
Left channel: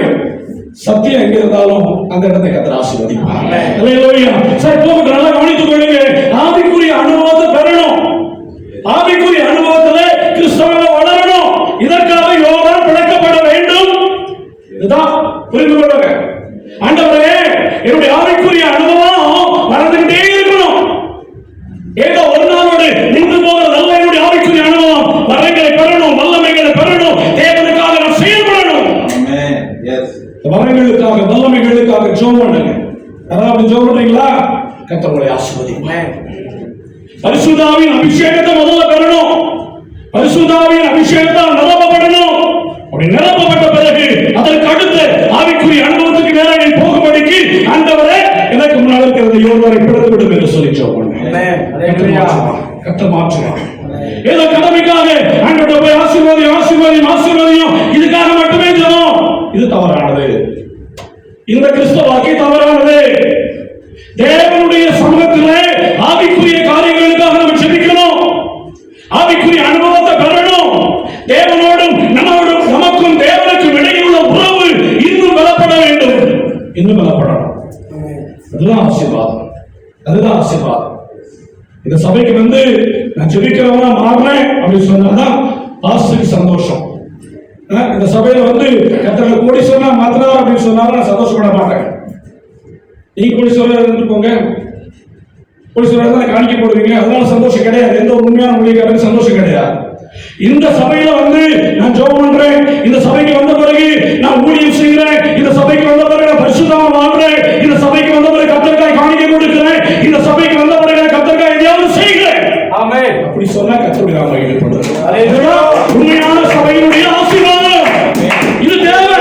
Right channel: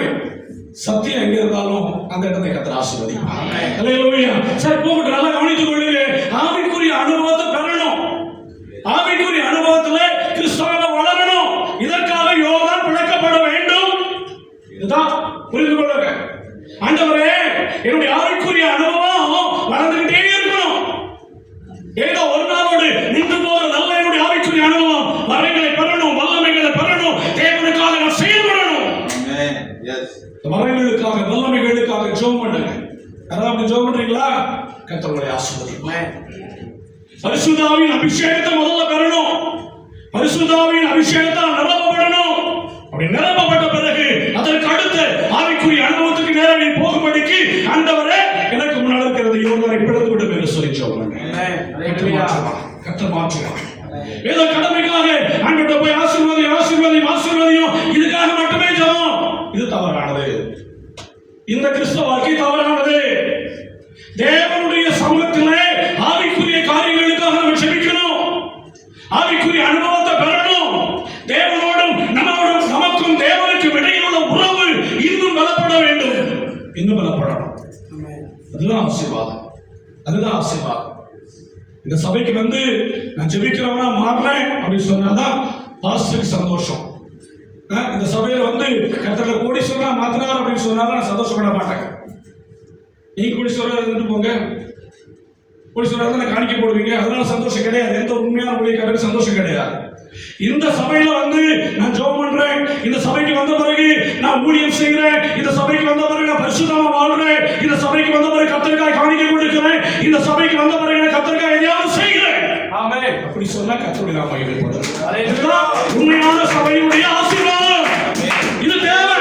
சத்தியம் எங்க இருந்தாலும் அந்த இடத்தை கர்த்தர் ஆசீர்வதிப்பார். ஹalleluya. சரி, போகட்டும். நல்லா கவனித்துக் கொள்ளுங்க. ஆவிக்குரிய அனுபவத்தை பெறணும். ஆவிக்குரிய அனுபவத்திலே கிறிஸ்தவங்க வளரணும். இதற்காக யோவான் பிழைக்கப்பட வேண்டும். இதுதான் புரிந்து கொள்ளுங்க. ஆண்டவரே, என்னுடைய ஆவிக்குரிய அனுபவம் வளர்ந்துகிட்டே இருக்கணும். ஏதோ ஒரு நாளோடு நின்று போகிறது அல்ல. என்னுடைய ஆவிக்குரிய அனுபவம் வரங்களை பெறணும், வல்லமைகளை பெறணும். தேவனுக்காக நான் செயல்படணும். வரங்களுக்காக, வல்லமைகளுக்காக ஜெபம் பண்ணுங்க. யாராவது ஜெபம் பண்றீங்களா? கர்த்தர் உங்களை ஆசீர்வதிப்பார். பரிசுத்தாவின் அபிஷேகத்தை முதல்ல பெறணும். பரிசுத்தாவின் அபிஷேகத்தால் நிரப்பப்படணும். அப்படி நிரப்பப்பட்ட பிறகு அதற்கு அடுத்து ஆவிக்குரிய அனுபவத்துக்கு நேரடி போகும்படிக்கு ஆண்டவரே எனக்கு முன்னால் இருக்கிற யோர்தானை பிளந்து விடும் என்று சொல்லி ஜெபம் பண்ணுங்க. கர்த்தர் மாற்றுவார். ஏதோ கடமைக்காக ஆண்டவரை போய் ஆசீர்வாதியும் இதுக்காக மட்டுமே ஜெபம், இது தவறானது. இந்த கிறிஸ்தவ வாழ்க்கை தவறானது. தேவனுடைய சமூகத்திலே ஆவிக்குரிய காரியங்களுக்காக நம்ம ஜெபிக்கணும். ஆவிக்குரிய அனுபவத்தை பெறணும். தேவனோடும் நமக்கும் தேவனுக்கும் இடையே உள்ள உறவு இன்னும் பலப்பட வேண்டும். இன்னும் பலப்படணும். அதுதான் ஆசீர்வாதம். அதுதான் ஆசீர்வாதம். இந்த சபைக்கு நான் ஜெபிக்கிறவனா மாறினேன் அப்படின்னு சொன்னாதான் பாஸ்டருக்கு சந்தோஷம். இந்த சபையில கர்த்தர் கோடீஸ்வரனா மாத்தினார் அப்படின்னு சொன்னாலும் நான் சந்தோஷப்பட மாட்டேன். நீங்க கோடீஸ்வரர் இருந்துட்டு போங்க, கோடீஸ்வரர் தான் காணிக்கை போடுவீங்க, அதனால சந்தோஷம் கிடையாது. எந்த ஒரு உண்மையான ஊழியக்காரருக்கு சந்தோஷம் கிடையாது. இந்த சபையில நான் ஜெபம் பண்றேன், இந்த சபைக்கு வந்த பிறகு நான் ஊழியம் செய்கிறேன், இந்த சபைக்கு வந்த பிறகு நான் பரிசுத்தமா வாழ்றேன், இந்த சபைக்கு வந்த பிறகு கர்த்தருக்காய் காணிக்கை கொடுக்கிறேன், இந்த சபைக்கு வந்த பிறகு நான் கர்த்தருக்காய் எதையாவது செய்கிறேன். ஆமென். அப்படி சொன்னா கர்த்தருடைய நாமம் மகிமைப்படும். அதுதான் உண்மையான சபையினுடைய ஆசீர்வாதம். இது தேவை.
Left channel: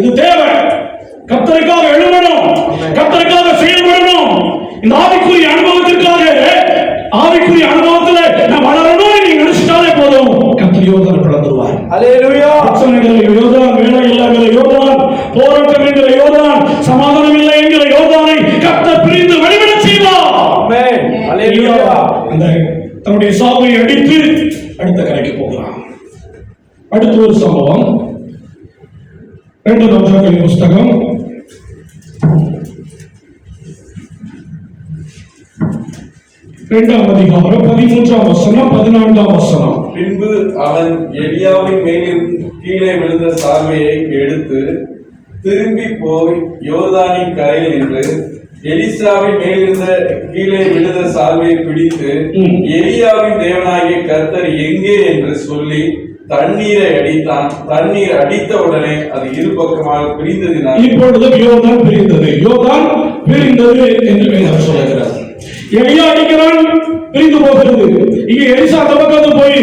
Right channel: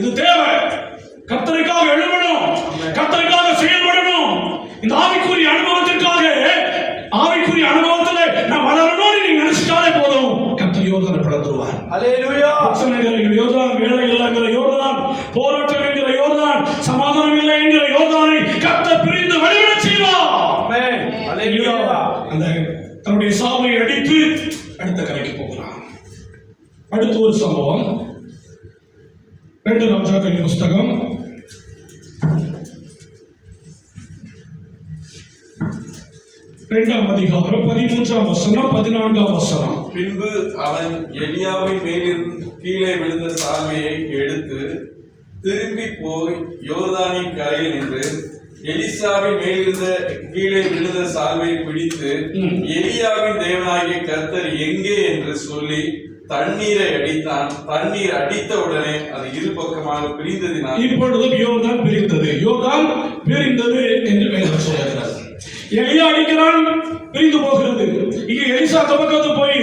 இது தேவை. கர்த்தருக்காக எழுதணும், கர்த்தருக்காக செயல்படணும். இந்த ஆவிக்குரிய அனுபவத்திற்காக, ஆவிக்குரிய அனுபவத்துல நான் வளரணும்னு நீங்க நினைச்சிட்டாலே போதும், கர்த்தர் யோர்தானை பிளந்துருவார். ஹalleluya. பிரச்சனைகள் யோர்தான், வேலை இல்லாத யோர்தான், போராட்டம் என்கிற யோர்தான், சமாதானம் இல்லை என்கிற யோர்தானை கர்த்தர் பிரிந்து வழிவிட செய்வார். ஆமென். ஹalleluya. அந்த தன்னுடைய சாவை அடித்து அடுத்த கரைக்கு போகிறான். அடுத்த ஒரு சம்பவம் 2 ராஜாக்களின் புஸ்தகம் 2ஆம் அதிகாரம் 13ஆம் வசனம் 14ஆம் வசனம். பின்பு அவன் எலியாவின் மேலிருந்து கீழே விழுந்த சால்வையை எடுத்து திரும்பி போய் யோர்தானின் கரையில் நின்று எலிசாவின் மேலிருந்த கீழே விழுந்த சால்வையை பிடித்து எலியாவின் தேவனாகிய கர்த்தர் எங்கே என்று சொல்லி தண்ணீரை அடித்தான். தண்ணீர் அடித்த உடனே அது இரு பக்கமாக பிரிந்ததினால் இப்பொழுது யோர்தான் பிரிந்தது. யோர்தான் பிரிந்தது என்று வேதம் சொல்லுகிறது. எலியா அடிக்கிறான், பிரிந்து போகிறது. இங்க எலிசா தபக்கத்து போய்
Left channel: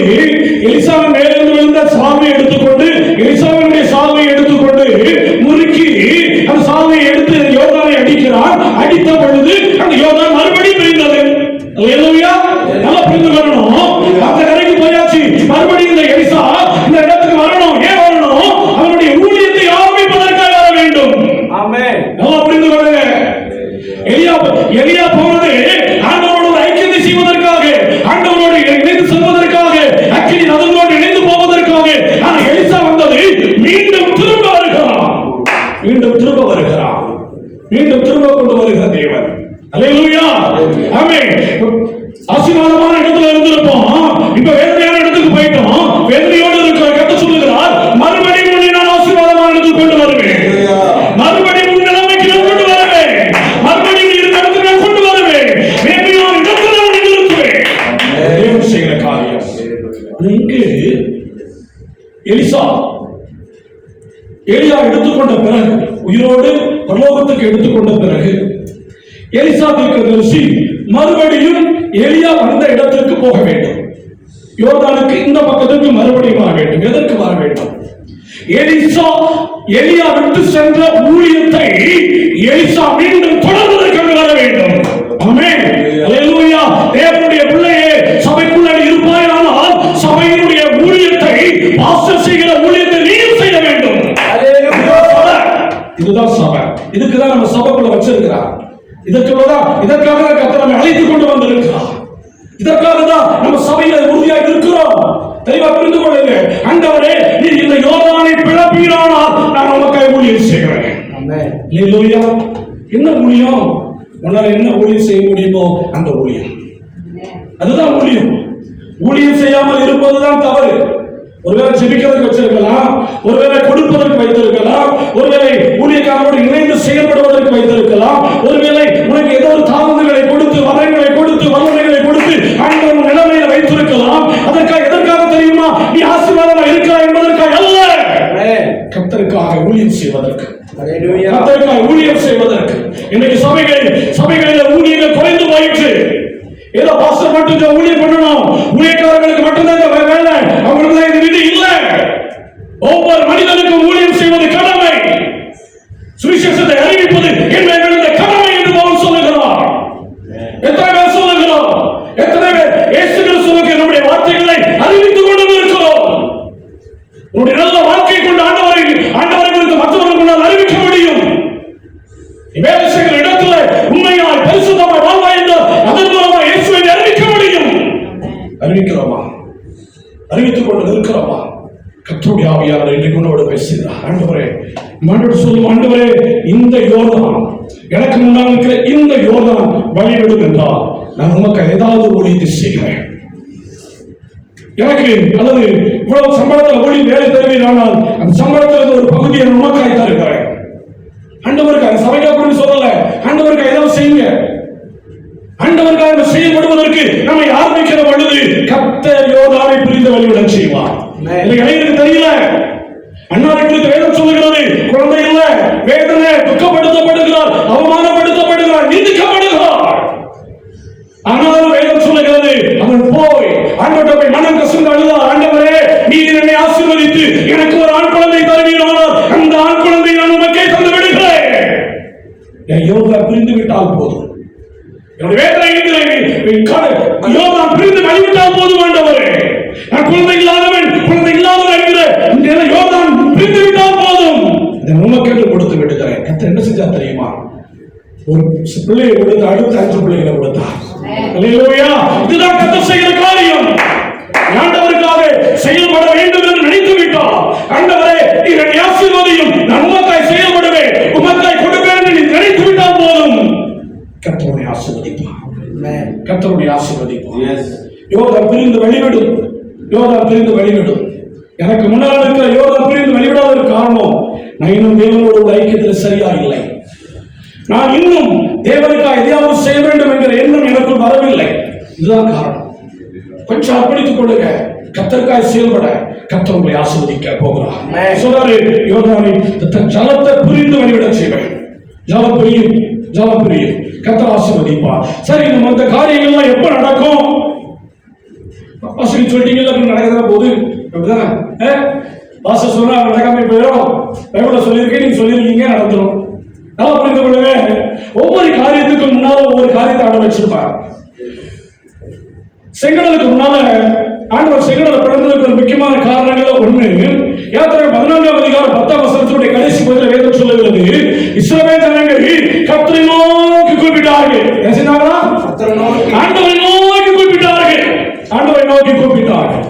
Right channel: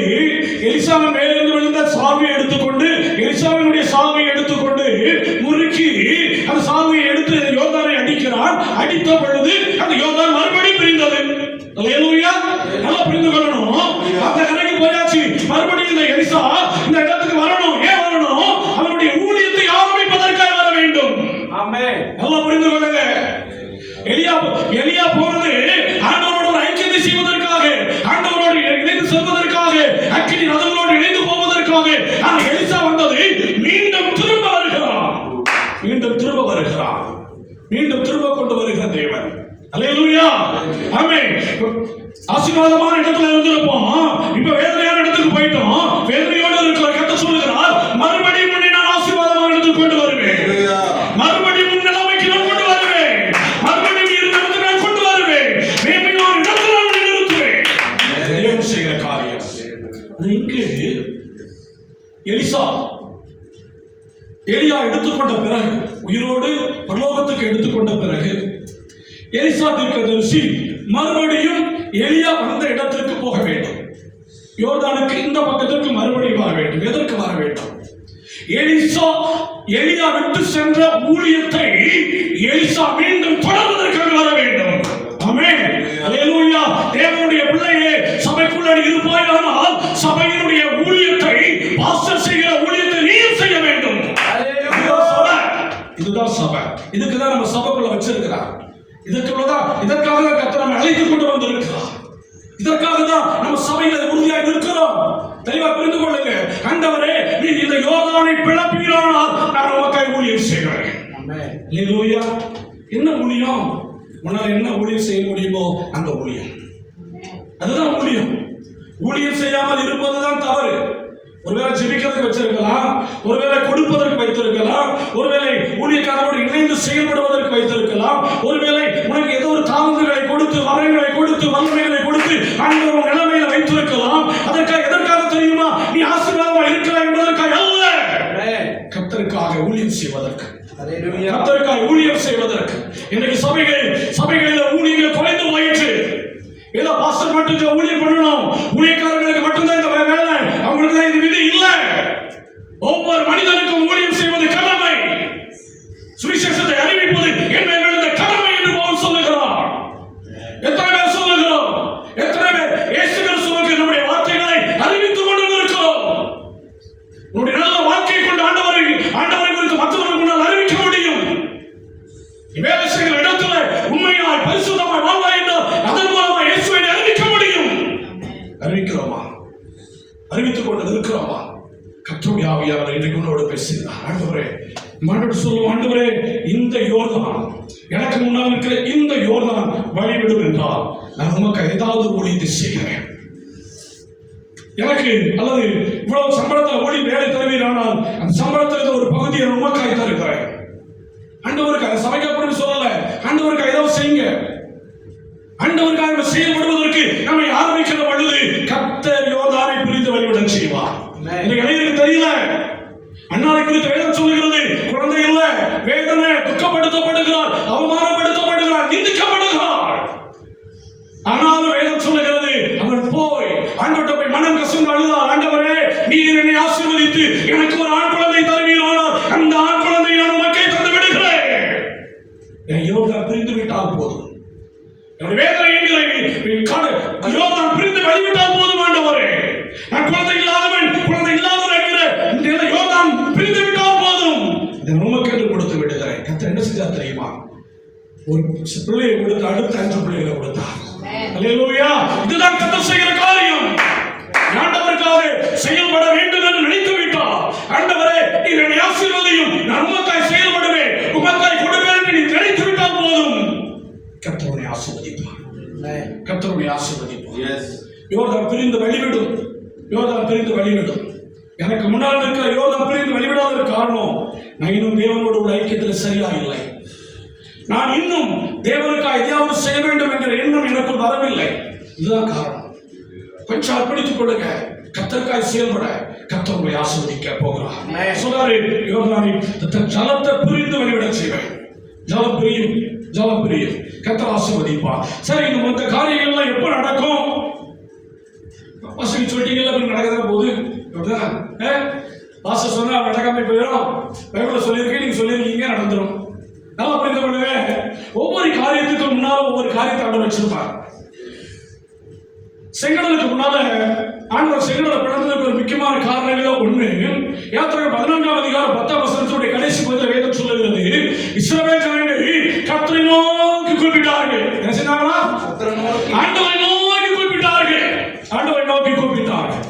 எலிசாவின் மேலிருந்து விழுந்த சால்வையை எடுத்துக்கொண்டு, எலிசாவினுடைய சால்வையை எடுத்துக்கொண்டு முறுக்கி அந்த சால்வையை எடுத்து யோர்தானை அடிக்கிறான். அடித்த பொழுது அந்த யோர்தான் மறுபடியும் பிரிந்தது. அல்லேலூயா. நல்லா புரிந்து கொள்ளணும். அந்த கரைக்கு போயாச்சு, மறுபடியும் இந்த எலிசா இந்த இடத்துக்கு வரணும். ஏன் வரணும்? அவனுடைய ஊழியத்தை ஆரம்பிப்பதற்காக வர வேண்டும். ஆமென். நல்லா புரிந்து கொள்ளுங்க. எலியா போனது ஆண்டவரோடு ஐக்கியத்தை செய்வதற்காக, ஆண்டவரோடு இணைந்து செல்வதற்காக, அக்கினி நதிகளோடு இணைந்து போவதற்காக. ஆனா எலிசா வந்தது மீண்டும் திரும்ப வருகிறான். மீண்டும் திரும்ப வருகிறான். மீண்டும் திரும்ப கொண்டு வருகிற தேவன். அல்லேலூயா. ஆமென். ஆசீர்வாதமான இடத்துல இருந்திருப்போம், இப்ப வேதனையான இடத்துக்கு போயிட்டோம். வேதனையோடு இருக்கிற கர்த்தர் சொல்லுகிறார், மறுபடியும் உன்னை நான் ஆசீர்வாதமான இடத்துக்கு கொண்டு வருவேன். மறுபடியும் உன் நிலைமைக்கு நான் கொண்டு வருவேன். மறுபடியும் இருந்த இடத்துக்கு நான் கொண்டு வருவேன். மேன்மையான இடத்துல நான் நிறுத்துவேன். தேவன் செய்கிற காரியம். இங்கு எலிசா எலியா எடுத்துக்கொண்ட பிறகு, உயிரோடு பரலோகத்துக்கு எடுத்துக்கொண்ட பிறகு, எலிசா தீர்க்கதரிசி மறுபடியும் எலியா வந்த இடத்திற்கு போக வேண்டும். யோர்தானுக்கு இந்த பக்கத்துக்கு மறுபடியும் வர வேண்டும். எதற்கு வர வேண்டும்? எலியா விட்டு சென்ற ஊழியத்தை எலிசா மீண்டும் தொடர்வதற்கு வர வேண்டும். ஆமென். அல்லேலூயா. தேவனுடைய பிள்ளையே, சபைக்குள்ள இருப்பாயானால் சபையினுடைய ஊழியத்தை, பாஸ்டர் செய்கிற ஊழியத்தை நீயும் செய்ய வேண்டும். இதுதான் சபை. இதுக்குதான் நம்ம சபைக்குள்ள வச்சிருக்கிறார். இதற்காக கர்த்தர் நம்மை அழைத்துக் கொண்டு வந்திருக்கிறார். இதற்காக தான் நம்ம சபையில உறுதியாக இருக்கிறோம். தெளிவா புரிந்து கொள்ளுங்க. ஆண்டவரே, நீர் இந்த யோர்தானை பிளப்பீரானால் நான் உமக்காய் ஊழியம் செய்கிறேன். ஆமென். அல்லேலூயா. என்ன ஊழியம்? உன்னால என்ன ஊழியம் செய்ய முடியுமோ அந்த ஊழியம். அதுதான் ஊழியம். ஊழியம் செய்யாமல் இருப்பதுதான் தவறு. ஒருவேளை ஜெபிக்கிறதுக்கு வச்சிருக்கலாம், ஒருவேளை கொடுப்பதற்கு வைத்திருக்கலாம், ஒருவேளை ஊழியக்காரரோடு இணைந்து செயல்படுவதற்கு வைத்திருக்கலாம், ஒருவேளை உனக்கு ஏதோ ஒரு தாளந்துகளை கொடுத்து, வரங்களை கொடுத்து, வல்லமைகளை கொடுத்து ஆண்டவர் நிலைமையில வைத்திருக்கலாம். அதற்காக எதற்காக தெரியுமா? நீ ஆசீர்வாதமா இருக்கிறாய் என்பதற்காக அல்ல, கர்த்தருக்காக ஊழியம் செய்வதற்கு. கர்த்தருக்காக ஊழியம் செய்வதற்கு. இன்னைக்கு சபைகளில் ஊழியர்கள் குறைந்து போயிற்று. ஏதோ பாஸ்டர் மட்டும் ஊழியம் பண்ணணும், ஊழியக்காரர்களுக்கு மட்டும்தான் இந்த வேலை, அவங்களுக்கு தான் இந்த நிதி இல்ல. ஒவ்வொரு மனிதனுக்கும் ஊழியம் செய்வது கடமை. சுவிசேஷத்தை அறிவிப்பது என்ற கடமை என்று பவுல் சொல்லுகிறார். எத்தனை பேர் சொல்லுகிறோம்? எத்தனை பேர் இயேசு கிறிஸ்துவுக்கு நம்முடைய வார்த்தைகளை அறிவித்துக் கொண்டு இருக்கிறோம்? உன்னுடைய நல்ல வாழ்க்கை கொண்டு ஆண்டவரை குறித்து மற்றவர்களுக்கு அறிவிக்க முடியும். வேலை செய்கிற இடத்துல உண்மையாய் பரிசுத்தமாய் வாழ்வாய் என்று அதன் மூலமாக இயேசுவை அறிவிக்க முடியும். அறிவிக்கிறோமா? அறிவித்துக் கொண்டு இருக்கிறோமா? கர்த்தருடைய ஆவியானவர் இன்றைக்கு உன்னோடு பேசுகிறார். ஆண்டவரே, சொல்லும் ஆண்டவரே, இந்த யோர்தான், எனக்கு முன்னால் இருக்கிற இந்த யோர்தான் வழிவிடும் என்றால் நான் உமக்கு ஏதாவது ஊழியத்தை செய்கிறேன். எனக்கு அல்லது இவ்வளவு சம்பளத்தில் ஊழி வேலை தருவீரானால் அந்த சம்பளத்தில் ஒரு பகுதியை உமக்காய் தருகிறேன். ஆண்டவருக்கு அந்த சபைக்கு அப்படின்னு சொல்லல, ஆண்டவருக்கு ஏதாவது செய்யுங்க. ஆண்டவருக்காக செயல்படுவதற்கு நம்மை ஆரம்பிக்கிற பொழுது கர்த்தர் யோர்தானை பிரிந்து வழிவிட செய்வார். எனக்கு தெரியல, அண்ணாரை குறித்து வேதம் சொல்லுகிறது, குழந்தை இல்ல, வேதனை, துக்கப்படுத்தப்படுகிறார், அவமானப்படுத்தப்படுகிறார், நிந்திக்கப்படுகிறார். ஆனாலும் வேதம் சொல்லுகிறது, அவன் போய் ஆண்டவரை போய் மனம் கசந்து அழுதார். ஆண்டவரே, நீர் என்னை ஆசீர்வதித்து எனக்கு ஒரு ஆண் குழந்தை தருவீரானால் அந்த ஆண் குழந்தை நான் உமக்கே தந்து விடுகிறேன். என் யோர்தான் பிரிந்து விட்டால் போதும், யோர்தான் பிரிந்து வழிவிட்டால் போதும். ஆண்டவரே, நான் குழந்தை இல்லாதவன் என்கிற இந்த யோர்தான் பிரிந்து விட்டால் போதும், இதை உமக்கென்று கொடுத்து விடுகிறேன். கர்த்தர் என்ன செஞ்சா தெரியுமா? ஒரு பிள்ளையை கொடுத்து அடுத்த 5 பிள்ளைகளை கொடுத்தார். அல்லேலூயா. இதுதான் கர்த்தர் செய்கிற காரியம். ஆண்டவருக்காக செயல்பட வேண்டும் என்று நினைத்து விட்டார். ஆண்டவரே, நீர் என்னை ஆசீர்வதியும், நான் உமக்காய் செயல்படுவேன், உமக்காய் கொடுப்பேன் என்று நீ நினைத்து விட்டால் போதும், கர்த்தருடைய ஆசீர்வதிப்பார். கர்த்தருடைய ஆசீர்வதிப்பார். யோர்தான் பிரிந்து வழிவிடும். யோர்தான் பிரிந்து வழிவிடும். எனக்கு முன்னால் இருக்கிற யோர்தான் பிரிந்து வழிவிடாத காரணம், நான் இன்னும் தேவனோட ஒரு ஐக்கியத்தில் சரியா இல்லை. நான் இன்னும் தேவனுக்காக எதையாவது செய்ய வேண்டும் என்கிற எண்ணம் எனக்குள் வரவில்லை. இதுதான் காரணம். கொஞ்சம் அர்ப்பணித்துக் கொள்ளுங்க. கர்த்தருக்காக செயல்பட கர்த்தர் உங்களை ஆசீர்வதிக்க போகிறார். சொல்றாரு, யோர்தானை ஜலத்தை பிரிந்து வழிவிட செய்வேன். ஜலம் பிரியும், கர்த்தர் ஆசீர்வதிப்பார். சரி, இந்த மற்ற காரியங்கள்லாம் எப்ப நடக்கும்? சொல்லிட்டீங்கல்ல, நடக்கதான் போகுது. அப்படிதானே? பாஸ்டர் சொன்னா நடக்காம போயிடும். பைபிள்ல சொல்லியிருக்கேன், நீங்க சொல்லியிருக்கீங்க, நடந்துடும். நல்லா புரிந்து கொள்ளுங்க. ஒவ்வொரு காரியத்துக்கும் முன்னால ஒவ்வொரு காரியத்தை ஆண்டவர் வச்சிருப்பார். செங்கடலுக்கு முன்னால ஆண்டவர் செங்கடலை பிளந்ததுக்கு ஒரு முக்கியமான காரணங்கள் ஒண்ணு, யாத்திரை 14ஆம் அதிகாரம் 10ஆம் வசனத்தினுடைய கடைசி பகுதியில் வேதம் சொல்லுகிறது, இஸ்ரவேல் ஜனங்கள் கர்த்தரை நோக்கி கூப்பிட்டார்கள். என்ன செஞ்சாங்களா? ஆண்டவரை நோக்கி கூப்பிட்டார்கள். ஆண்டவரை நோக்கி கூப்பிட்டார்கள்.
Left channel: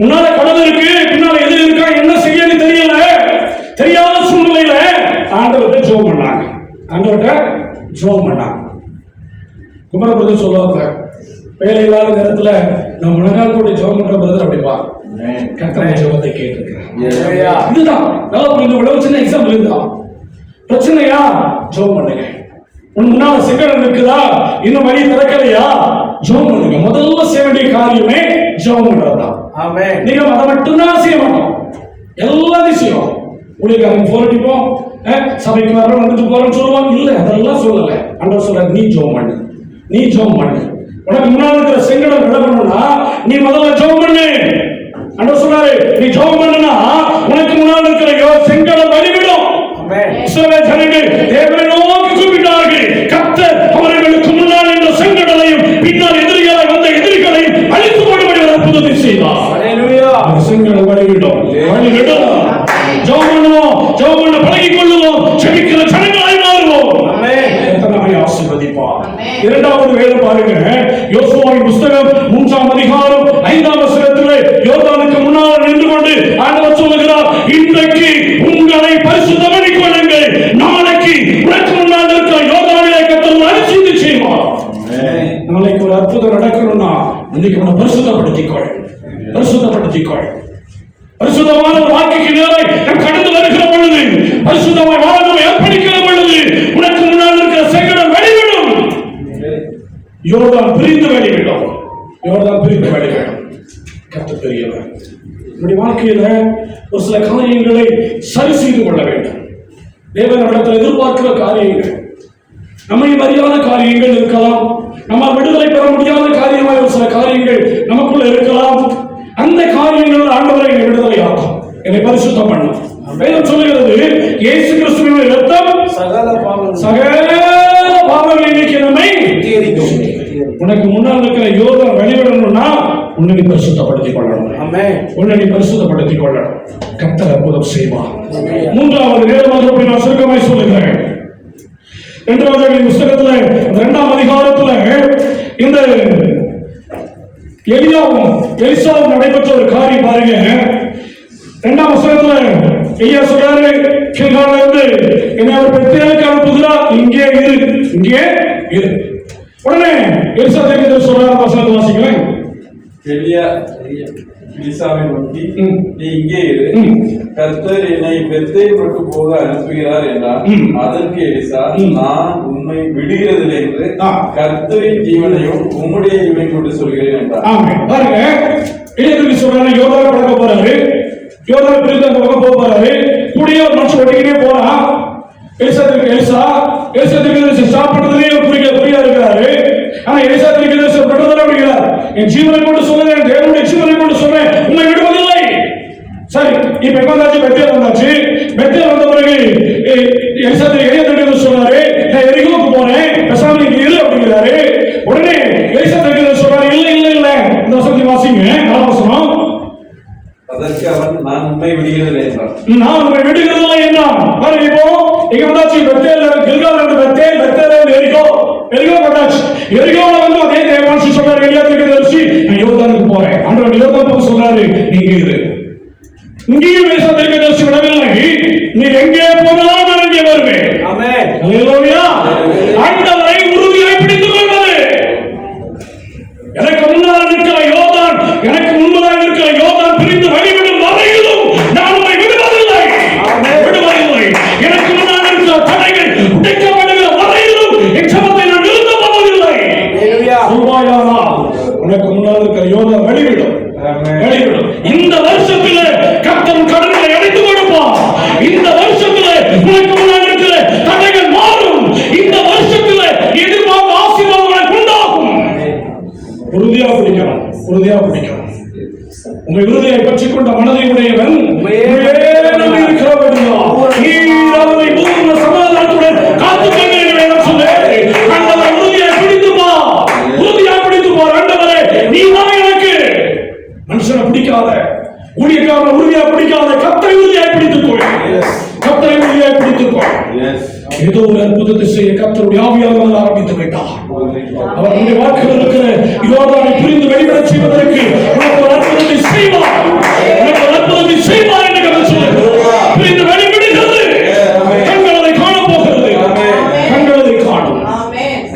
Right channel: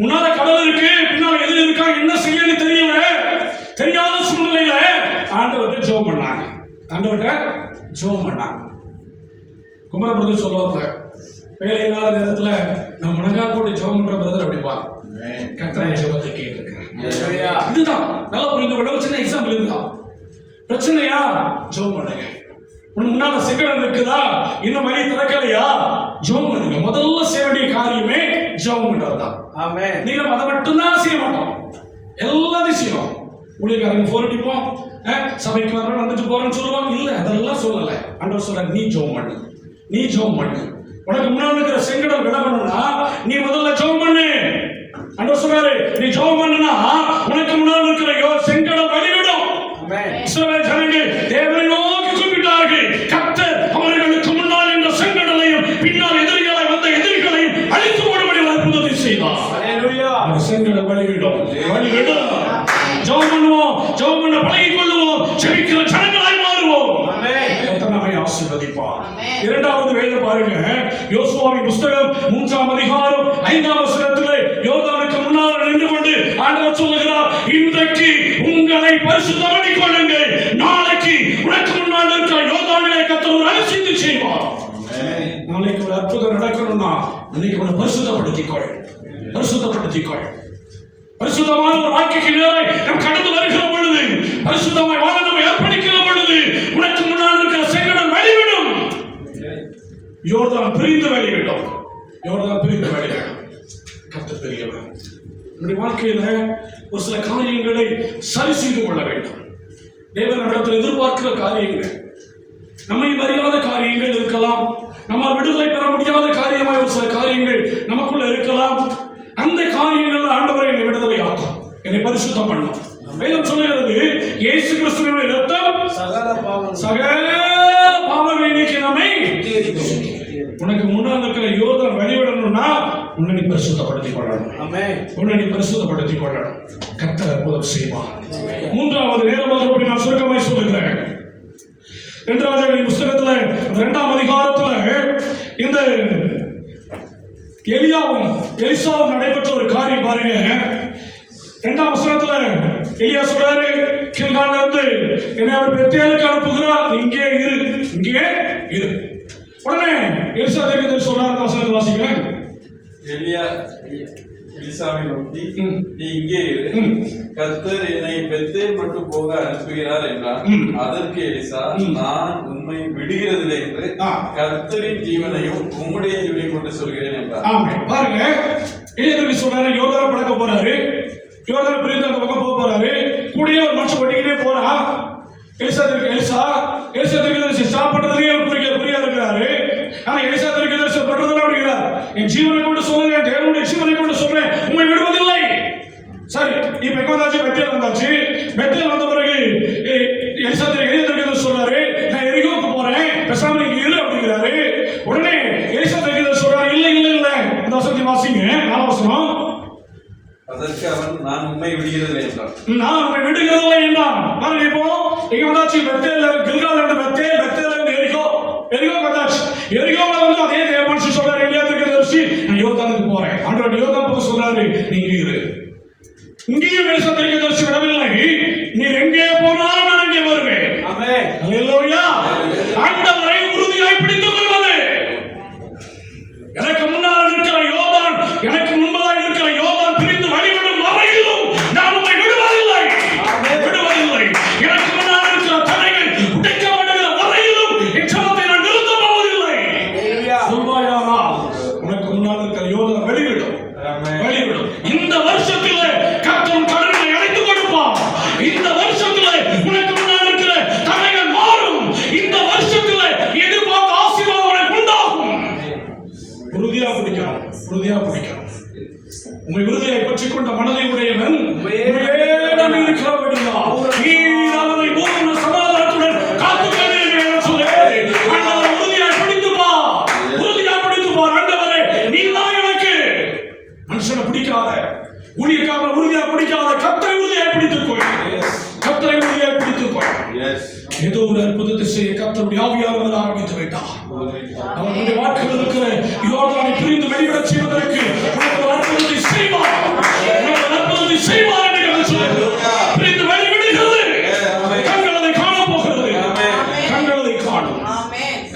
முன்னால கடல் இருக்கு, பின்னால எது இருக்கா, என்ன செய்யன்னு தெரியல, தெரியாத சூழ்நிலையில ஆண்டவர்கிட்ட ஜெபம் பண்ணாங்க. ஆண்டவர்கிட்ட ஜெபம் பண்ணாங்க. குமர பிரதர் சொல்லுவாங்க, வேலை இல்லாத நேரத்துல நம்ம முழங்கால் போட்டு ஜெபம் பண்ற பிரதர் அப்படிப்பா கர்த்தருடைய ஜெபத்தை கேட்டிருக்கிறார். இதுதான் நல்லா புரிந்து கொள்ள சின்ன எக்ஸாம்பிள். இதுதான் பிரச்சனையா, ஜெபம் பண்ணுங்க. முன்னால செங்கடல் இருக்குதா, இன்னும் வழி திறக்கலையா, ஜெபம் பண்ணுங்க. முதல்ல செய்ய வேண்டிய காரியமே ஜெபம் பண்றதுதான். நீங்க அதை மட்டும்தான் செய்ய மாட்டோம், எல்லாத்தையும் செய்யும். ஊழியக்காரங்க போன் அடிப்போம், சபைக்கு வர வந்துட்டு போறோம்னு சொல்லுவாங்க. இல்ல, அதெல்லாம் சொல்லல. ஆண்டவர் சொல்றாரு, நீ ஜெபம் பண்ணு, நீ ஜெபம் பண்ணு. உனக்கு முன்னாடி இருக்கிற செங்கடம் விட பண்ணணும்னா நீ முதல்ல ஜெபம் பண்ணு. ஆண்டவர் சொல்றாரு, நீ ஜெபம் பண்ணுனா உனக்கு முன்னாடி இருக்கிற செங்கடம் வழிவிடும். இஸ்ரவேல் ஜனங்கள் தேவனை நோக்கி கூப்பிட்டார்கள். கர்த்தர் அவர்களுக்கு முன்னால் இந்த செங்கடலையும் பின்னால் எதிரிகளாய் வந்த எதிரிகளையும் அழித்து போடும்படி ஒரு அற்புதத்தை செய்தார். ஹல்லேலூயா. செங்கடம் வழிவிடும், வழிவிடும். ஜெபம் பண்ணுவோம், ஜெபம் பண்ண பழகிக் கொள்ளுவோம், ஜெபிக்கிற ஜனங்களாய் மாறுவோம். நம்மை ஆசீர்வதிப்பார். இரண்டாவது வேலை பாருங்க, யோசுவாவின் புத்தகம் 3ஆம் அதிகாரம் 5ஆம் வசனத்திலே யோர்தானுக்கு முன்னால் நின்று கொண்டு ஆண்டவர் சொல்லுகிறார், இன்றைக்கு உங்களை பரிசுத்தமாக்கிக் கொள்ளுங்கள், நாளைக்கு உனக்கு முன்னால் இருக்கிற யோர்தானிலே கர்த்தர் ஒரு அதிசயத்தை செய்வார். நாளைக்கு ஒரு அற்புதம் நடக்கணும்னா இன்னைக்கு உன்னை பரிசுத்தப்படுத்திக் கொள், பரிசுத்தப்படுத்திக் கொள். பரிசுத்தமான ஒரு வாழ்க்கைக்கு நேராய் நாம் கடந்து வருகிற பொழுது, பரிசுத்தமாய் வாழ நாம் ஏற்படுகிற பொழுது உனக்கு முன்னால் இருக்கிற செங்கடம் வெளிவிடும். யோர்தான் பிரிந்து வெளிவிடும், யோர்தான் பிரிந்து வெளிவிடும். கர்த்தர் பெரியவர். நம்முடைய வாழ்க்கையில ஒரு சில காரியங்களை சரி செய்து கொள்ள வேண்டும். தேவனிடத்தில் எதிர்பார்க்கிற காரியங்கள், நம்மை அறியாத காரியங்கள் இருக்கலாம், நம்ம விடுதலை பெற முடியாத காரியமாக ஒரு சில காரியங்கள் நமக்குள்ள இருக்கலாம். அந்த காரியங்கள் ஆண்டவரை என்னை விடுதலை ஆகும், என்னை பரிசுத்தம் பண்ணும். வேதம் சொல்லுகிறது, இயேசு கிறிஸ்துவின் இரத்தம் சகல பாவங்களை நீக்கி நம்மை சுத்திகரிக்கும். உனக்கு முன்னால் இருக்கிற யோர்தான் வெளிவிடணும்னா உன்னை நீ பரிசுத்தப்படுத்திக் கொள்ளணும். ஆமென். உன்னை நீ பரிசுத்தப்படுத்திக் கொள்ளணும். கர்த்தர் அற்புதம் செய்வார். மூன்றாவது நேரமாக நான் சுருக்கமாய் சொல்லுகிறேன். 2ஆவது புத்தகத்துல 2ஆம் அதிகாரத்துல இந்த எலியாவும் எலிசாவும் நடைபெற்ற ஒரு காரியம் பாருங்க. 2ஆம் வசனத்துல எலியா சொல்றாரு, கில்கால்ல இருந்து என்னை அவர் பெத்தேலுக்கு அனுப்புகிறார், இங்கே இரு, இங்கே இரு. உடனே எலிசா தீர்க்கதரிசி சொல்றாரு, வசனத்தை வாசிக்கிறேன். எலியா எலிசாவை நோக்கி, நீ இங்கே இரு, கர்த்தர் என்னை பெத்தேல் மட்டும் போக அனுப்புகிறார் என்றார். அதற்கு எலிசா, நான் உம்மை விடுகிறதில்லை என்று கர்த்தரின் ஜீவனையும் உம்முடைய ஜீவனையும் கொண்டு சொல்கிறேன் என்றார். ஆமென். பாருங்க, எலியா சொல்றாரு, யோர்தான் கடக்க போறாரு, யோர்தான் பிரிந்து அந்த பக்கம் போக போறாரு. கூடிய ஒரு மனுஷன் வெட்டிக்கிட்டே போறான். எலிசா தீர்க்கதரிசி ஸ்டாப் பண்றதுலயே புரியா இருக்கிறாரு. ஆனா எலிசா தீர்க்கதரிசி பண்றதுல அப்படிங்கிறார், என் ஜீவனை கொண்டு சொல்றேன், என் தேவனுடைய ஜீவனை கொண்டு சொல்றேன், உண்மை விடுவதில்லை. சரி, இப்ப எங்க வந்தாச்சு? பெத்தேல் வந்தாச்சு. பெத்தேல் வந்த பிறகு எலிசா தீர்க்கதரிசி சொல்றாரு, நான் எரிகோவுக்கு போறேன், பேசாம நீங்க இரு அப்படிங்கிறாரு. உடனே எலிசா தீர்க்கதரிசி சொல்றாரு, இல்ல இல்ல இல்ல, இந்த வசனத்தை வாசிங்க, 4ஆம் வசனம். அதற்கு அவன், நான் உம்மை விடுகிறதில்லை என்றான். நான் உம்மை விடுகிறதில்லை என்றான். பாருங்க, இப்போ எங்க வந்தாச்சு? பெத்தேல், கில்கால்ல இருந்து பெத்தேல், பெத்தேல்ல இருந்து எரிகோ, எரிகோ வந்தாச்சு. எரிகோல வந்து அதே தேவமனுஷன் சொல்றாரு, எலியா தீர்க்கதரிசி, நான் யோர்தானுக்கு போறேன். ஆண்டவர் யோர்தான் போக சொல்றாரு, நீங்க இரு. இங்கேயும் எலிசா தீர்க்கதரிசி விடவில்லை, நீ எங்கே போனாலும் நான் இங்கே வருவேன். ஆமென். ஹல்லேலூயா. ஆண்டவரை உறுதியாய் பிடித்துக் கொள்வது. எனக்கு முன்னால் இருக்கிற யோர்தான், எனக்கு முன்பதாக இருக்கிற யோர்தான் பிரிந்து வழிவிடும் வரையிலும் நான் உம்மை விடுவதில்லை, விடுவதில்லை. எனக்கு முன்னால் இருக்கிற தடைகள் உடைக்கப்படுகிற வரையிலும் என் ஜெபத்தை நான் நிறுத்தப் போவதில்லை. சொல்வாயானால் உனக்கு முன்னால் இருக்கிற யோர்தான் வழிவிடும், வழிவிடும். இந்த வருஷத்திலே கர்த்தர் கடனை அடைத்து கொடுப்பார். இந்த வருஷத்திலே உனக்கு முன்னால் இருக்கிற தடைகள் மாறும். இந்த வருஷத்திலே எதிர்பார்த்த ஆசீர்வாதம் உனக்கு உண்டாகும். உறுதியா பிடிக்கணும், உறுதியா பிடிக்கணும். உம்மை உறுதியை பற்றிக் கொண்ட மனதை உடையவன் சமாதானத்துடன் காத்துக்கொண்டு ஆண்டவரை உறுதியாய் பிடித்துப்பார், உறுதியாய் பிடித்துப்பார். ஆண்டவரே, நீ தான் எனக்கு. மனுஷனை பிடிக்காத, ஊழியக்காரனை உறுதியா பிடிக்காத, கர்த்தரை உறுதியாய் பிடித்துக்கொள், கர்த்தரை உறுதியாய் பிடித்துக்கொள். ஏதோ ஒரு அற்புதத்தை செய்ய கர்த்தருடைய ஆவியானவர் ஆரம்பித்து விட்டார். அவர் நம்முடைய வாழ்க்கையில் இருக்கிற யோர்தானை பிரிந்து வெளிவிடச் செய்வதற்கு உனக்கு ஒரு அற்புதத்தை செய்வார், உனக்கு ஒரு அற்புதத்தை செய்வார் என்று கர்த்தர் சொல்லுகிறார். பிரிந்து வெளிவிடுகிறது, கண்கள் அதை காண போகிறது, கண்கள் அதை காணும்.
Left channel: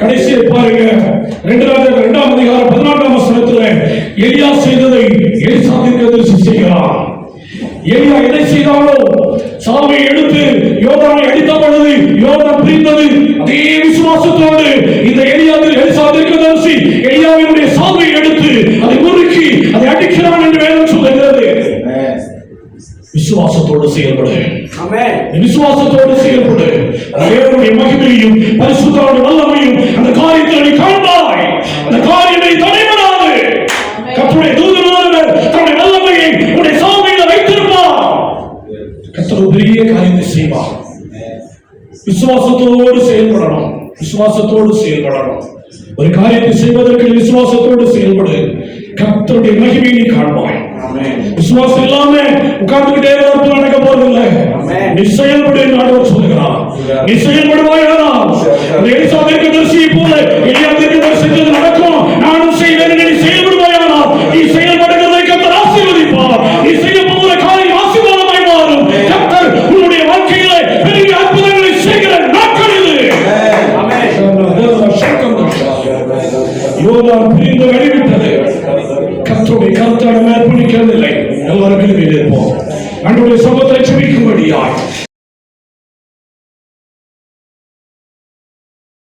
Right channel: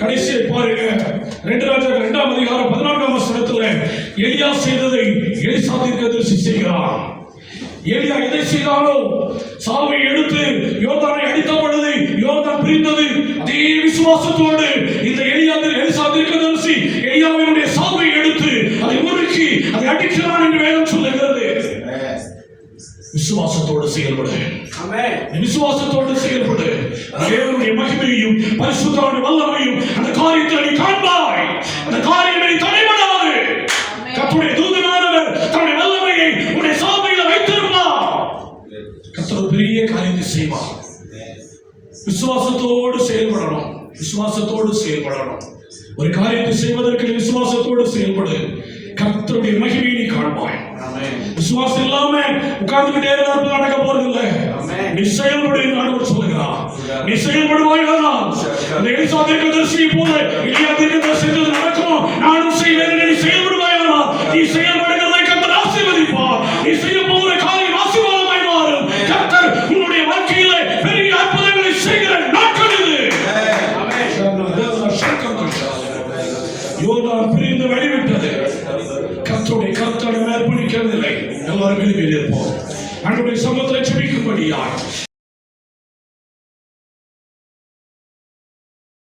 கடைசியை பாருங்க, 2ஆம் அதிகாரம் 14ஆம் வசனத்தில் எலியா செய்ததை எலிசா தீர்க்கதரிசி செய்கிறார். எலியா எதை செய்தாலோ, சாவை எடுத்து யோர்தானை அடித்த பொழுது யோர்தான் பிரிந்தது. அதே விசுவாசத்தோடு இந்த எலிசா தீர்க்கதரிசி எலியாவினுடைய சாவை எடுத்து அதை முறுக்கி அதை அடிக்கிறான் என்று வேதம் சொல்லுகிறது. விசுவாசத்தோடு செயல்படு. ஆமென். விசுவாசத்தோடு செயல்படு. தேவனுடைய மகிமையையும் பரிசுத்தருடைய வல்லமையும் அந்த காரியத்தில் நீ காண்பாய். அந்த காரியத்தை தடைபடாது. கர்த்தருடைய தூதனானவர் தன்னுடைய வல்லமையை உன்னுடைய சாவியில வைத்திருப்பார். கர்த்தர் ஒரு பெரிய காரியத்தை செய்வார். விசுவாசத்தோடு செயல்படணும். விசுவாசத்தோடு செயல்படணும். ஒரு காரியத்தை செய்வதற்கு விசுவாசத்தோடு செயல்படு. கர்த்தருடைய மகிமையை நீ காண்பாய். விசுவாசம் இல்லாம உட்கார்ந்துகிட்டே அற்புதம் நடக்க போறதில்லை. நீ செயல்படு என்று ஆண்டவர் சொல்லுகிறார். நீ செயல்படுவாயானால் எலிசா தீர்க்கதரிசியை போல எலியா தீர்க்கதரிசி செஞ்சது நடக்கும். நானும் செய்வேன். நீ செயல்படுவாயானால் நீ செயல்படுகிறதை கர்த்தர் ஆசீர்வதிப்பார். நீ செய்ய போகிற காரியம் ஆசீர்வாதமாய் மாறும். கர்த்தர் உன்னுடைய வாழ்க்கையில பெரிய அற்புதங்களை செய்கிற நாட்கள் இது. யோர்தான் பிரிந்து வழிவிட்டது. கர்த்தருடைய கருத்தாட மேற்பணிக்கவில்லை. எல்லாரும் வெளியே இருப்போம். ஆண்டவருடைய சமூகத்தை ஜெபிக்கும்படியாய்